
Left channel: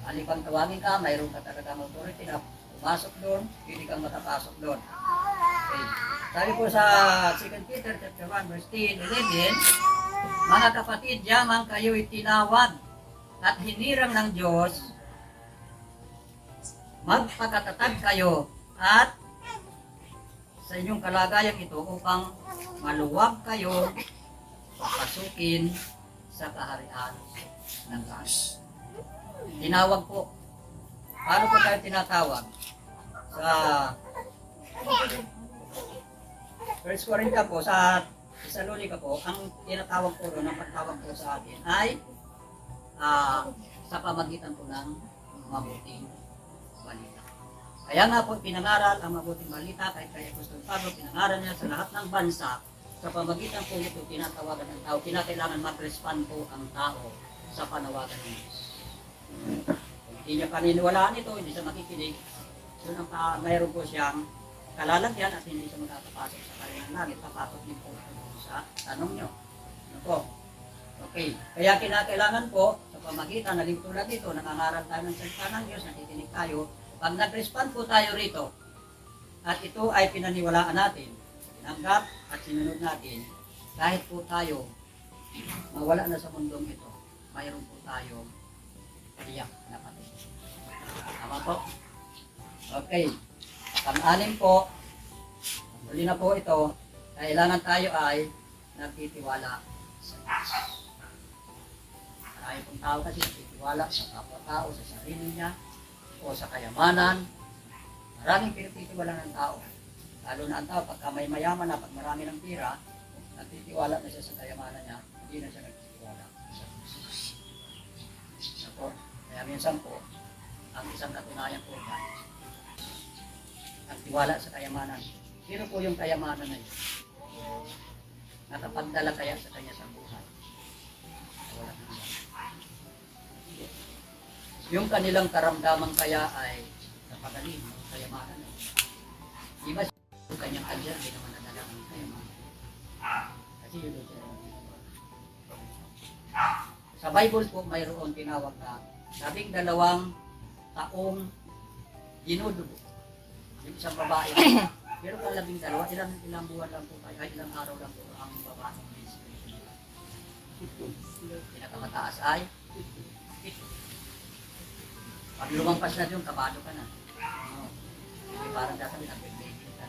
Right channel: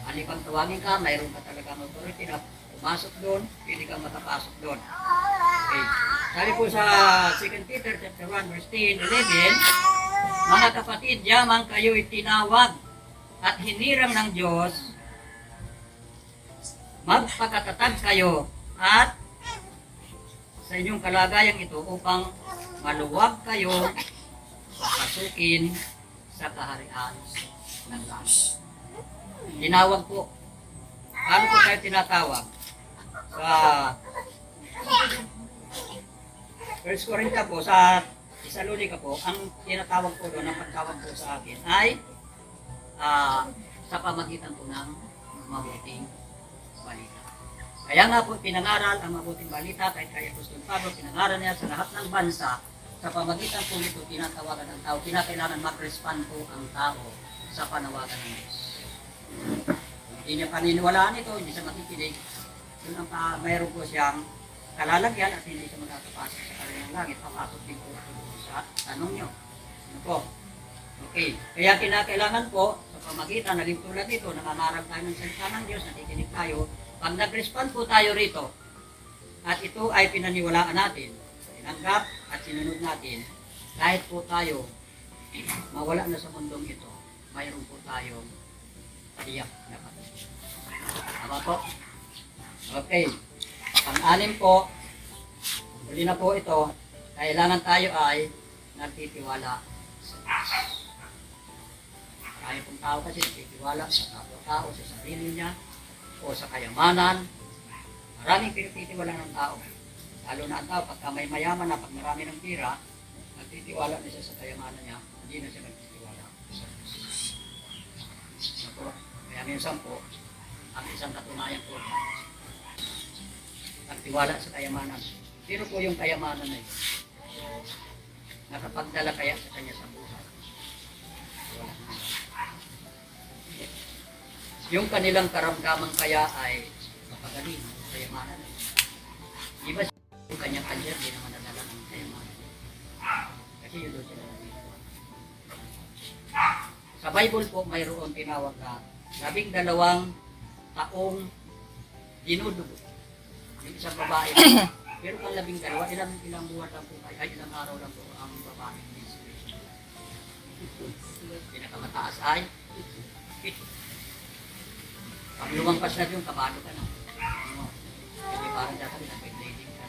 Halipang tawagin ka, mayroon ka talaga ng authority na pumasok doon, hindi ka makapasok doon. Okay. Sabi po sa 2 Peter chapter 1, verse 10, 11, mga kapatid, yamang kayo'y tinawag at hinirang ng Diyos, magpakatatag kayo at sa inyong kalagayang ito upang maluwag kayo pasukin sa kaharian ng Diyos. Tinawag po. Paano po tayo tinatawag? Sa 1 Corinthians po, sa Thessalonica po, ang tinatawag po doon, ang pagtawag po sa akin ay sa pamagitan po ng mabuting balita. Kaya nga po pinangaral ang mabuting balita kahit kay Apostol Pablo, pinangaral niya sa lahat ng bansa, sa pamagitan po nito tinatawagan ng tao, kinakailangan mag-respond po ang tao sa panawagan ng Diyos. Hindi niya paniniwalaan ito, hindi siya makikinig, yun ang mayroon po siyang kalalagyan at hindi siya magkakapasok sa kanilang langit, papasok din po sa tanong nyo. Ano po? Okay, kaya kinakailangan po sa pamagitan, naging tulad dito, nangangaral tayo ng salita ng Diyos, nakikinig tayo. Pag nag-respond po tayo rito, at ito ay pinaniwalaan natin, tinanggap at sinunod natin, kahit po tayo mawala na sa mundong ito, mayroon po tayong tiyak na patuloy. Tama po? Okay. Pang-anim po, huli na po ito, kailangan tayo ay nagtitiwala sa Diyos. Marami pong tao kasi nagtitiwala sa kapwa-tao, sa sarili niya, o sa kayamanan. Maraming pinagtitiwala ng tao. Lalo na ang tao, pagka may mayaman na, pag marami ng pira, nagtitiwala na siya sa kayamanan niya, hindi na siya nagtitiwala sa Diyos. Kaya minsan po, ang isang katunayan po yan, nagtiwala sa kayamanan. Sino po yung kayamanan na yun? nakapagdala kaya sa kanya sa buhay. Wala naman. Yung kanilang karamdaman kaya ay kapagaling, kayamanan. Di ba yung kanyang kanya, di naman nadala ng kayamanan. Kasi yun doon sila nandito. Sa Bible po, mayroon tinawag na 12 taong dinudugo. Yung isang babae. Pero kung 12, ilang buwan lang po tayo, ay ilang araw lang po ang babae. Pinakamataas ay 7. Pag lumampas na yung kabado ka na. No? Hindi parang dahil na pwede ka.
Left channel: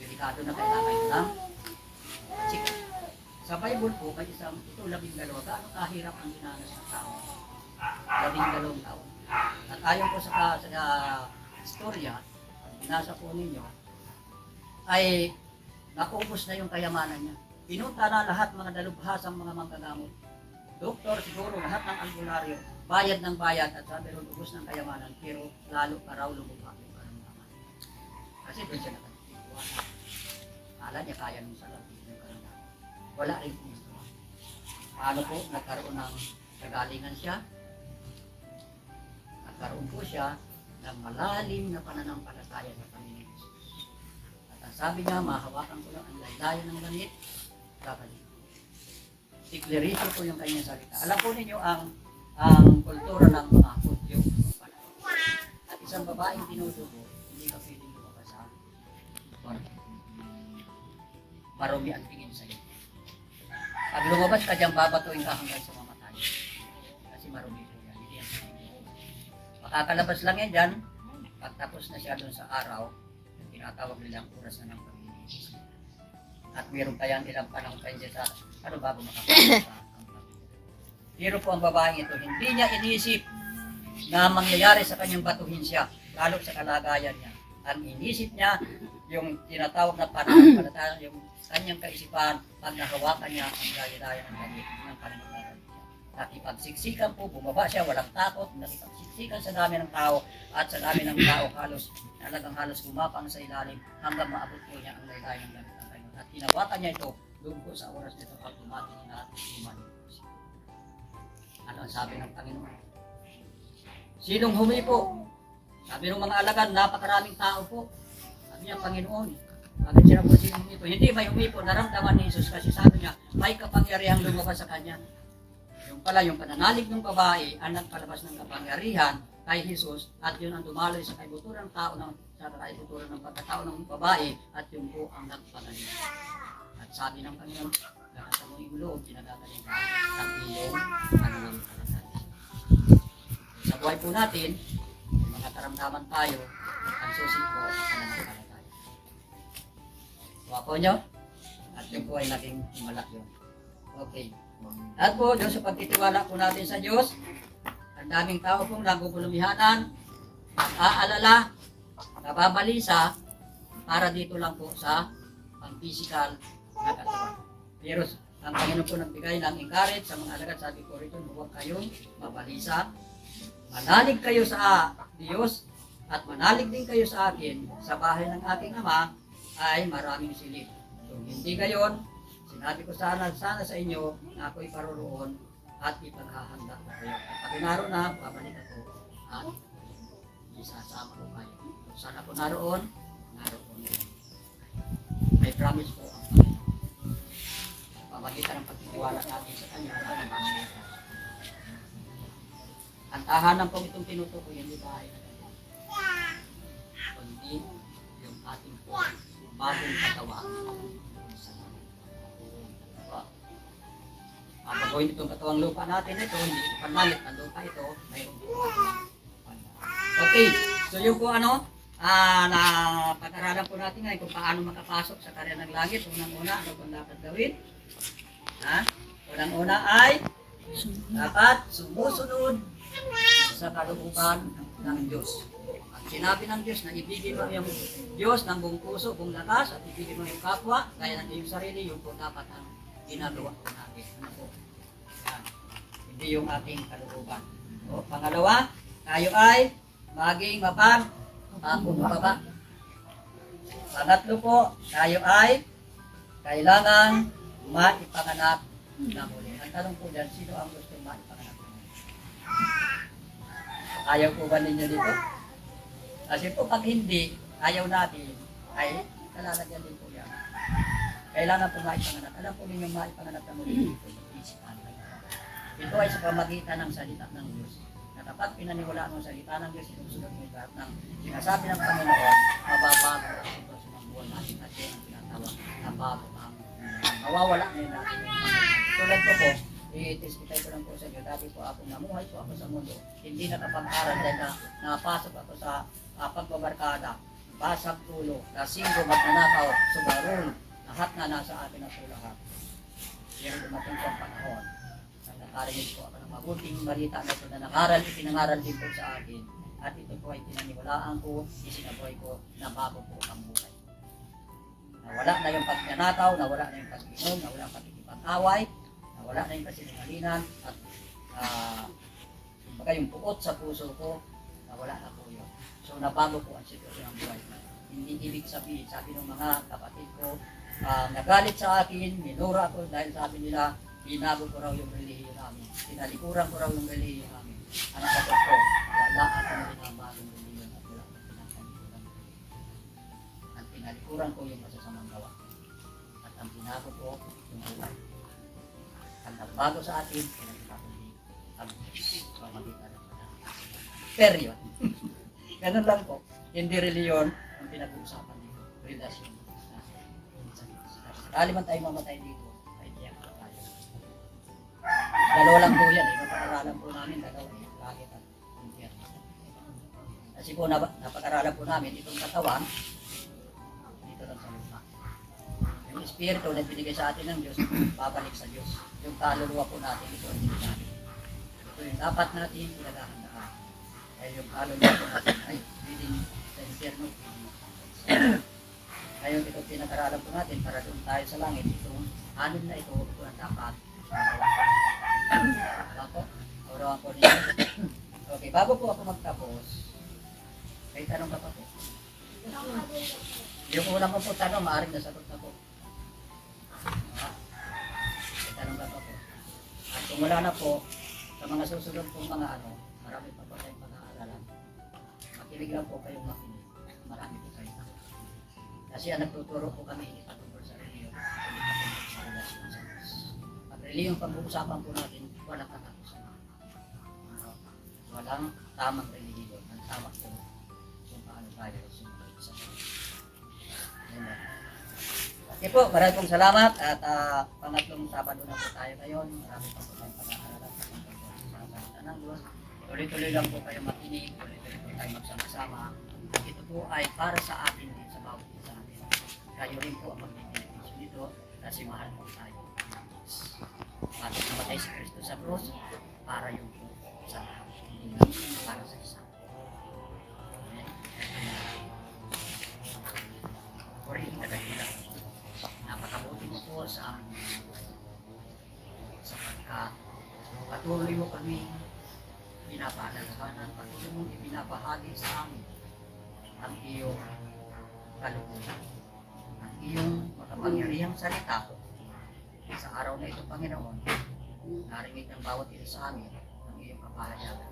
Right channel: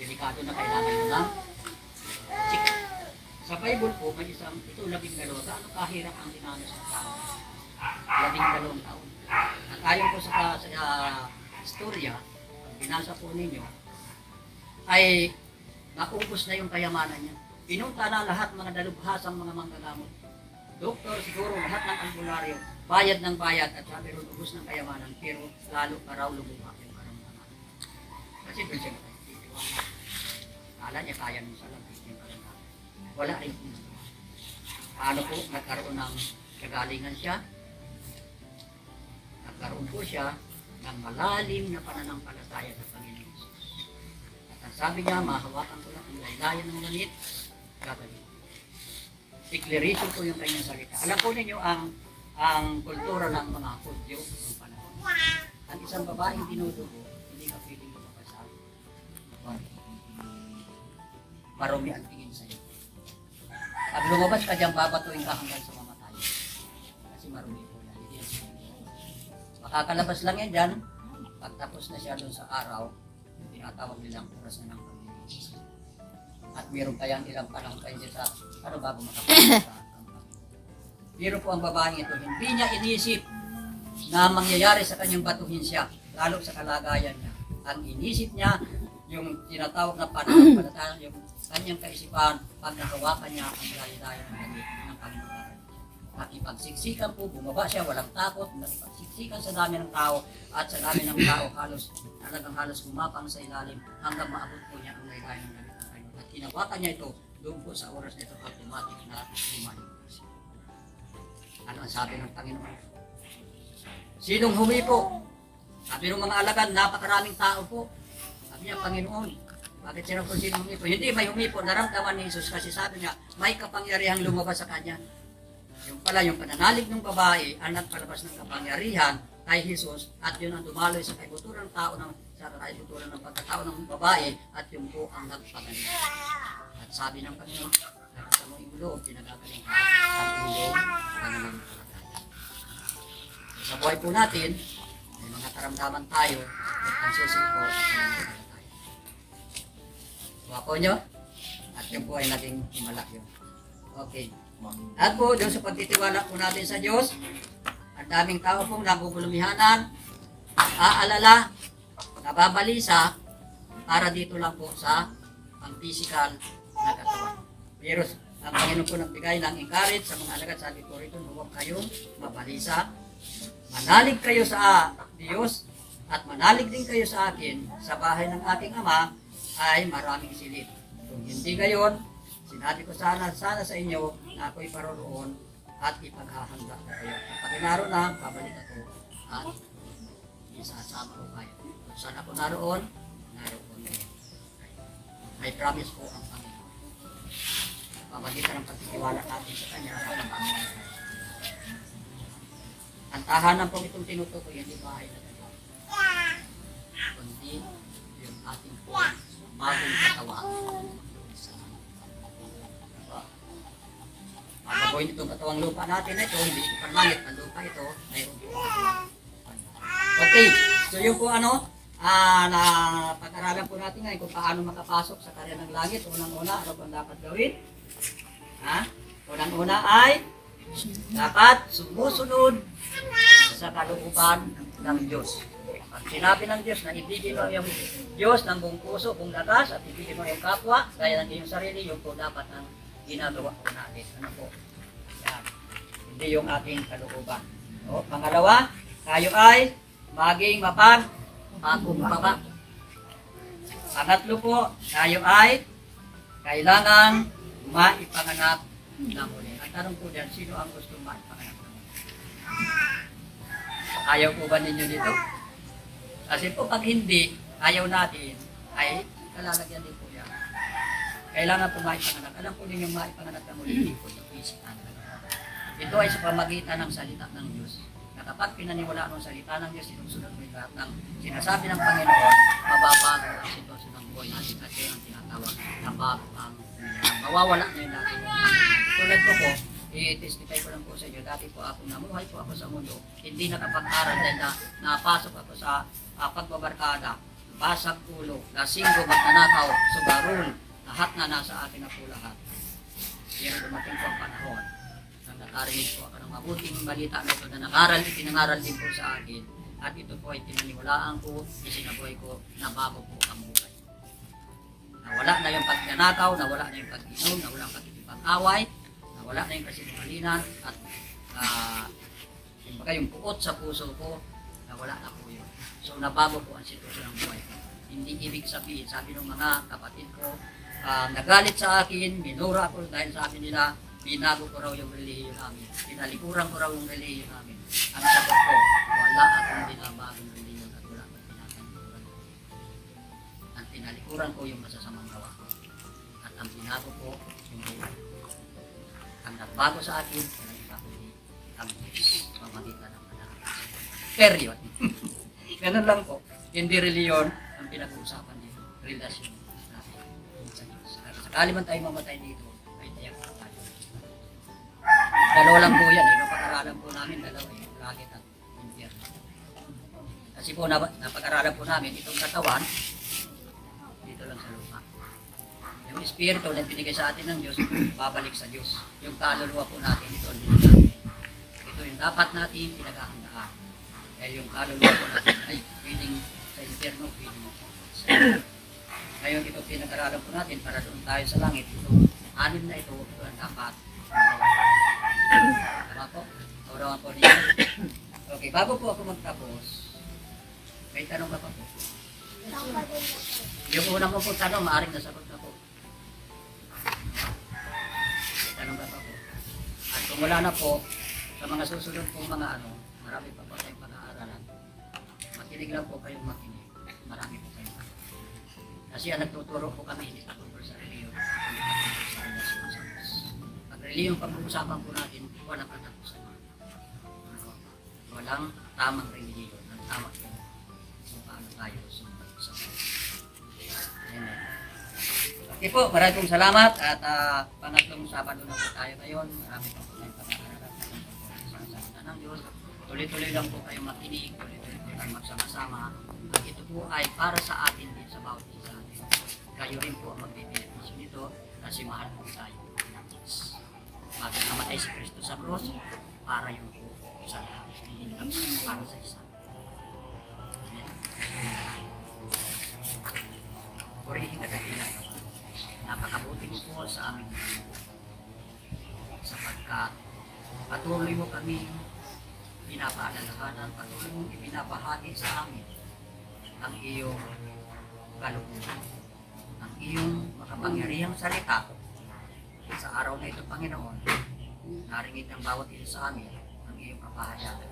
Delikado na kailangan yun lang. Sige. Sa Bible po, may isang, ito 12, gaano kahirap ang dinanas ng tao? 12 taon. At ayon po sa istorya, pag binasa po ninyo, ay naubos na yung kayamanan niya. Pinunta na lahat mga dalubhasang mga manggagamot. Doktor, siguro lahat ng albularyo, bayad ng bayad at sabi ron ubos ng kayamanan, pero lalo pa raw lumubak yung karamdaman. Kasi doon siya nakatitiwala. Kala niya kaya nung sa labis yung karamdaman. Wala rin po nagawa. Paano po nagkaroon ng kagalingan siya? Nagkaroon po siya ng malalim na pananampalataya sa Panginoon Jesus. At ang sabi niya, mahawakan ko lang ang laylayan ng langit, gagawin. Declaration po yung kanyang salita. Alam po ninyo ang kultura ng mga Hudyo ng panahon. At isang babaeng dinudugo, hindi ka pwedeng lumabas sa marumi ang tingin sa iyo. Pag lumabas ka dyan, babatuin ka hanggang sa mamatay. Kasi marumi po yan. Hindi yan tingin. Makakalabas lang yan dyan, pagtapos na siya doon sa araw, yung tinatawag nilang oras na ng pamilya. At meron kayang ilang panahon kayo sa ano bago makapasok sa pero po ang babaeng ito, hindi niya inisip na mangyayari sa kanyang batuhin siya, lalo sa kalagayan niya. Ang inisip niya, yung tinatawag na pananampalataya, yung kanyang kaisipan, pag nahawakan niya ang daya-daya ng langit ng Panginoon. Nakipagsiksikan po, bumaba siya, walang takot, nakipagsiksikan sa dami ng tao, at sa dami ng tao talagang halos gumapang sa ilalim hanggang maabot po niya ang daya ng langit ng Panginoon. At hinawakan niya ito, doon po sa oras nito, automatic na lumalik. Ano ang sabi ng Panginoon? Sinong humipo? Sabi ng mga alagad, napakaraming tao po. Sabi niya, Panginoon, bakit siya po sinong humipo? Hindi may humipo, naramdaman ni Jesus kasi sabi niya, may kapangyarihang lumabas sa kanya. Yung pala, yung pananalig ng babae, ang nagpalabas ng kapangyarihan kay Jesus at yun ang dumaloy sa kaibuturan ng tao sa kaibuturan ng pagkatao ng babae at yung po ang nagpagaling. At sabi ng Panginoon, nakita mo yung loob, pinagagaling ka ang iyong pananampalataya. Sa buhay po natin, may mga karamdaman tayo at ang susi po ang pananampalataya. Kuha po nyo, at yun po ay naging himala yun. Okay. At po, doon sa pagtitiwala po natin sa Diyos, ang daming tao pong nagugulumihanan, nag-aalala, nababalisa, para dito lang po sa pang-physical na katawan. Pero ang Panginoon po nagbigay ng encourage sa mga alagad, sabi ko rito, huwag kayong mabalisa. Manalig kayo sa Diyos at manalig din kayo sa akin. Sa bahay ng aking Ama ay maraming silid. Kung hindi gayon, sinabi ko sana sa inyo na ako'y paroroon at ipaghahanda ko kayo. Kapag naroon na, babalik ako at isasama ko kayo. Kung saan ako naroon din. I promise po ang Panginoon. Pamagitan ng pagtitiwala natin sa Kanya, ang tahanan po itong tinutukoy, hindi bahay na ito. Kundi yung ating po bagong katawan. Pagbagoyin itong katawang lupa natin ito, hindi ito panlangit, ang lupa ito, mayroon po. Okay, so yung po na pag-aralan po natin ngayon kung paano makapasok sa karya ng langit. Unang-una, ano bang dapat gawin? Unang-una ay dapat sumusunod sa kalooban ng Diyos. Pag sinabi ng Diyos na ibigin mo yung Diyos ng buong puso, buong lakas, at ibigin mo yung kapwa, gaya ng iyong sarili, yung po dapat ang ginagawa ko natin. Ano po? Yan. Hindi yung aking kalooban. O, pangalawa, tayo ay maging mapagpakumbaba. Pangatlo po, tayo ay kailangan maipanganak na muli. Ang tanong po dyan, sino ang gusto maipanganak na muli? Ayaw po ba ninyo dito? Kasi po pag hindi, ayaw natin, ay kalalagyan din po yan. Kailangan po maipanganak. Alam po ninyo maipanganak na muli, hindi po yung physical. Ito ay sa pamagitan ng salita ng Diyos. Na kapag pinaniwalaan mo ang salita ng Diyos, sinusunod mo yung lahat ng sinasabi ng Panginoon, mababago ang sitwasyon ng buhay natin at yun ang tinatawag na bago ang mawawala na yung natin. Tulad ko po, i-testify ko lang po sa inyo, dati po ako namuhay po ako sa mundo, hindi nakapag-aral dahil na napasok ako sa pagbabarkada, basag ulo, lasinggo, magnanakaw, sugarol, lahat na nasa akin na po lahat. Pero dumating po ang panahon, nang nakarinig po ako ng mabuting balita na ito na nangaral, itinangaral din po sa akin, at ito po ay pinaniwalaan ko, isinabuhay ko na bago po ang buhay. Nawala na yung pagnanakaw, nawala na yung pag-inom, nawala ang pagkikipag-away, nawala na yung kasinungalingan, at yung puot sa puso ko, nawala na po yun. So nabago po ang sitwasyon ng buhay ko. Hindi ibig sabihin, sabi ng mga kapatid ko, nagalit sa akin, minura ko dahil sabi nila, binago ko raw yung relihiyon namin. Pinalikuran ko raw yung relihiyon namin. Ang sagot ko, wala akong binabagong relihiyon at wala akong pinakalikuran. Ang pinalikuran ko yung masasamang gawa ko. At ang binago ko yung buhay. Ang nagbago sa akin, ay nagpapuli ang Diyos. Pamagitan ng panahon. Period. Ganun lang po. Hindi relihiyon ang pinag-uusapan dito. Relasyon natin sa Diyos. Sakali man tayo mamatay dito, ay tiyak po tayo. Dalawa lang po yan. Napag-aralan po namin, dalawa yung langit at impyerno. Kasi po napag-aralan po namin itong katawan, dito lang sa lupa. Yung espiritu na binigay sa atin ng Diyos, babalik sa Diyos. Yung kaluluwa po natin, ito ang dinigay. Ito yung dapat natin pinaghahandaan. Dahil yung kaluluwa po natin ay pwedeng sa impyerno, pwedeng sa ngayon ito pinag-aralan po natin para doon tayo sa langit. Itong anim na ito ang dapat magawa. Tama po? Naurawan po niyo. Okay, bago po ako magtapos, may tanong ka pa po? Yung unang ko po tanong, maaaring nasagot na po. May tanong ka pa po. At kung wala na po, sa mga susunod po mga marami pa po tayong pag-aaralan. Makinig lang po kayong makinig. Marami po kayong kasi ang nagtuturo po kami, hindi katungkol sa reliyon, hindi katungkol sa relasyon sa Diyos. Pag reliyon pag-uusapan po natin, walang katapusan. Walang tamang reliyon. Ang tama po kung paano tayo sumunod sa Diyos. Amen. Okay po, maraming pong salamat at pangatlong Sabado na po tayo ngayon. Marami pa po tayong pag-aaralan sa salita ng Diyos. Tuloy-tuloy lang po tayo makinig, tuloy-tuloy po tayo magsama-sama. Ito po ay para sa atin din sa bawat isa. Kayo rin po ang magbibenepisyo nito kasi mahal po tayo. Bakit namatay si Kristo sa cross? Para yung po sa lahat. Hindi lang para sa isa. Amen. Purihin ka dahilan. Napakabuti mo po sa aming sapagkat patuloy mo kami pinapaalalahanan, patuloy mong ipinapahagi sa amin ang iyong kalooban, ang iyong makapangyarihang salita. Sa araw na ito, Panginoon, naringid ng bawat isa sa amin ang iyong kapahayagan.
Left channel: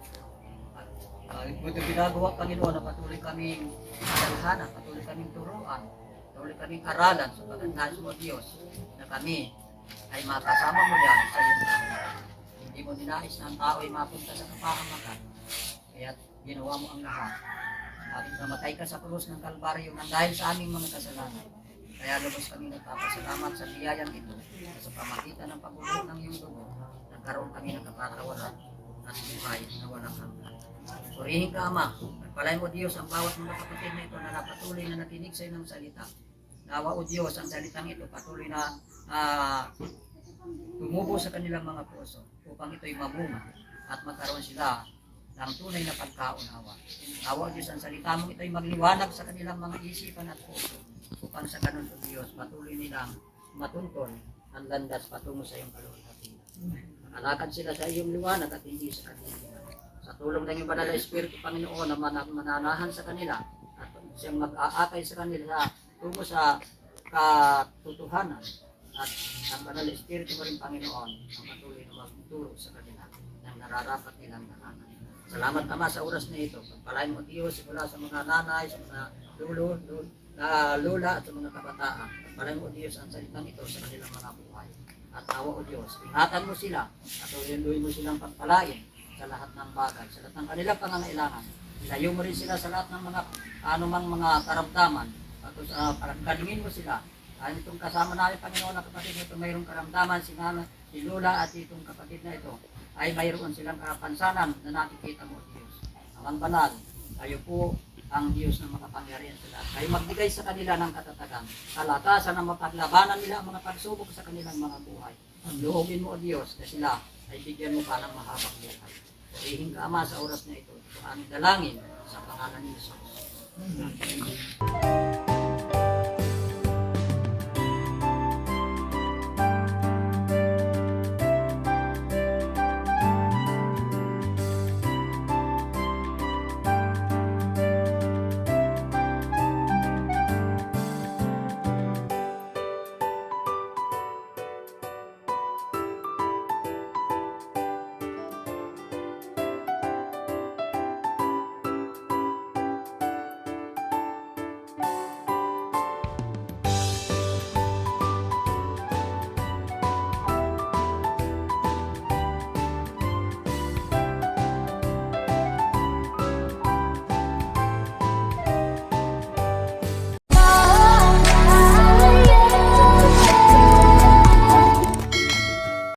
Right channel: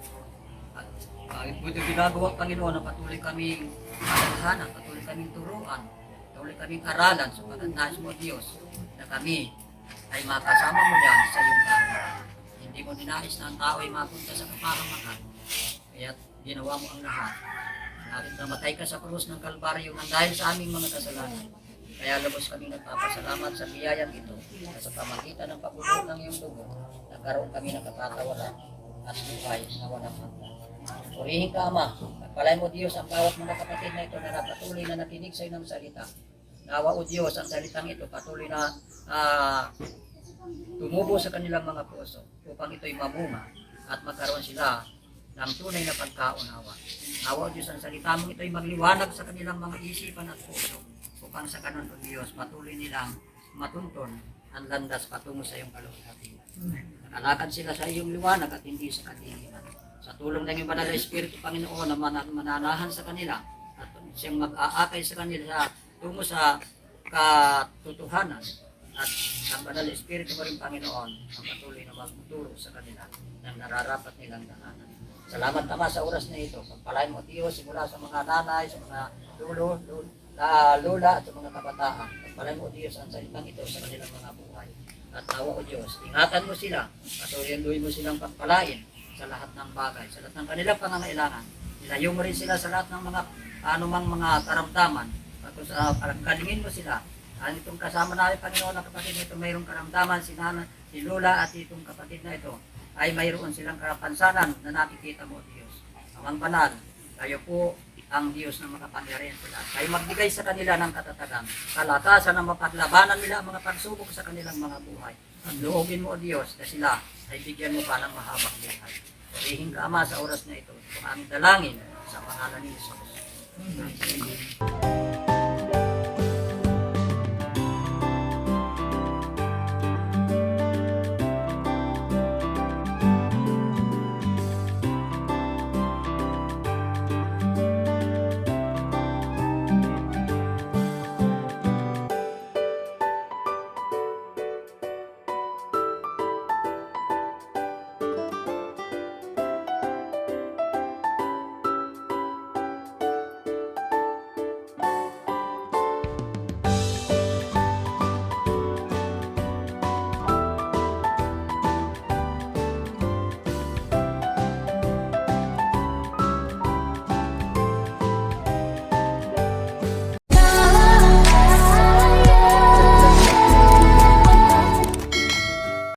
At bakit mo ito ginagawa, Panginoon, na patuloy kaming alalahanan, patuloy kaming turuan, patuloy kaming aralan, supagat nais mo, Diyos, na kami ay makasama mo yan sa iyong dahil. Hindi mo dinais na ang tao ay mapunta sa kapahamakan, kaya ginawa mo ang lahat. Natin namatay ka sa krus ng Kalbaryo nang dahil sa aming mga kasalanan. Kaya lubos kami nagpapasalamat sa biyayang ito sa pamagitan ng pagbubuo ng iyong dugo, nagkaroon kami ng kapatawaran at buhay na walang hanggan. Purihin ka, Ama. Nagpalay mo, Diyos, ang bawat mga kapatid na ito na napatuloy na nakinig sa iyong salita. Nawa, O Diyos, ang salitang ito patuloy na tumubo sa kanilang mga puso upang ito'y mamunga at magkaroon sila ng tunay na pagkaunawa. Nawa, Diyos, ang salita mong ito'y magliwanag sa kanilang mga isipan at puso upang sa kanon, O Diyos, patuloy nilang matuntun ang landas patungo sa iyong kalugatan. Alakad sila sa iyong liwanag at hindi sa kadiliman. Sa tulong ng iyong banal na Espiritu, Panginoon, na mananahan sa kanila at siyang mag-aakay sa kanila tungo sa katotohanan, at ang banal na Espiritu mo rin, Panginoon, ang patuloy na magturo sa kanila ng nararapat nilang dalanan. Salamat Ama sa oras na ito. Pagpalain mo Diyos simula sa mga nanay, sa mga lola at sa mga kabataan. Pagpalain mo Diyos ang salitang ito sa kanilang mga buhay. At nawa o Diyos, ingatan mo sila at orientuhin mo silang pagpalain sa lahat ng bagay, sa lahat ng kanilang pangangailangan. Ilayo mo rin sila sa lahat ng mga anumang mga karamdaman. Kalingin mo sila. Itong kasama namin, Panginoon, ang kapatid nito mayroong karamdaman, si Nana, si Lola at itong kapatid na ito ay mayroon silang karapansanan na nakikita mo, Diyos. Amang banal, kayo po ang Diyos na makapangyarihan sila. Kayo magbigay sa kanila ng katatagan, kalakasan na mapaglabanan nila ang mga pagsubok sa kanilang mga buhay. At loobin mo, Diyos, na sila ay bigyan mo pa ng mahabang buhay. Purihin ka, Ama, sa oras na ito. Ito ang aming dalangin sa pangalan ni Jesus. Amen.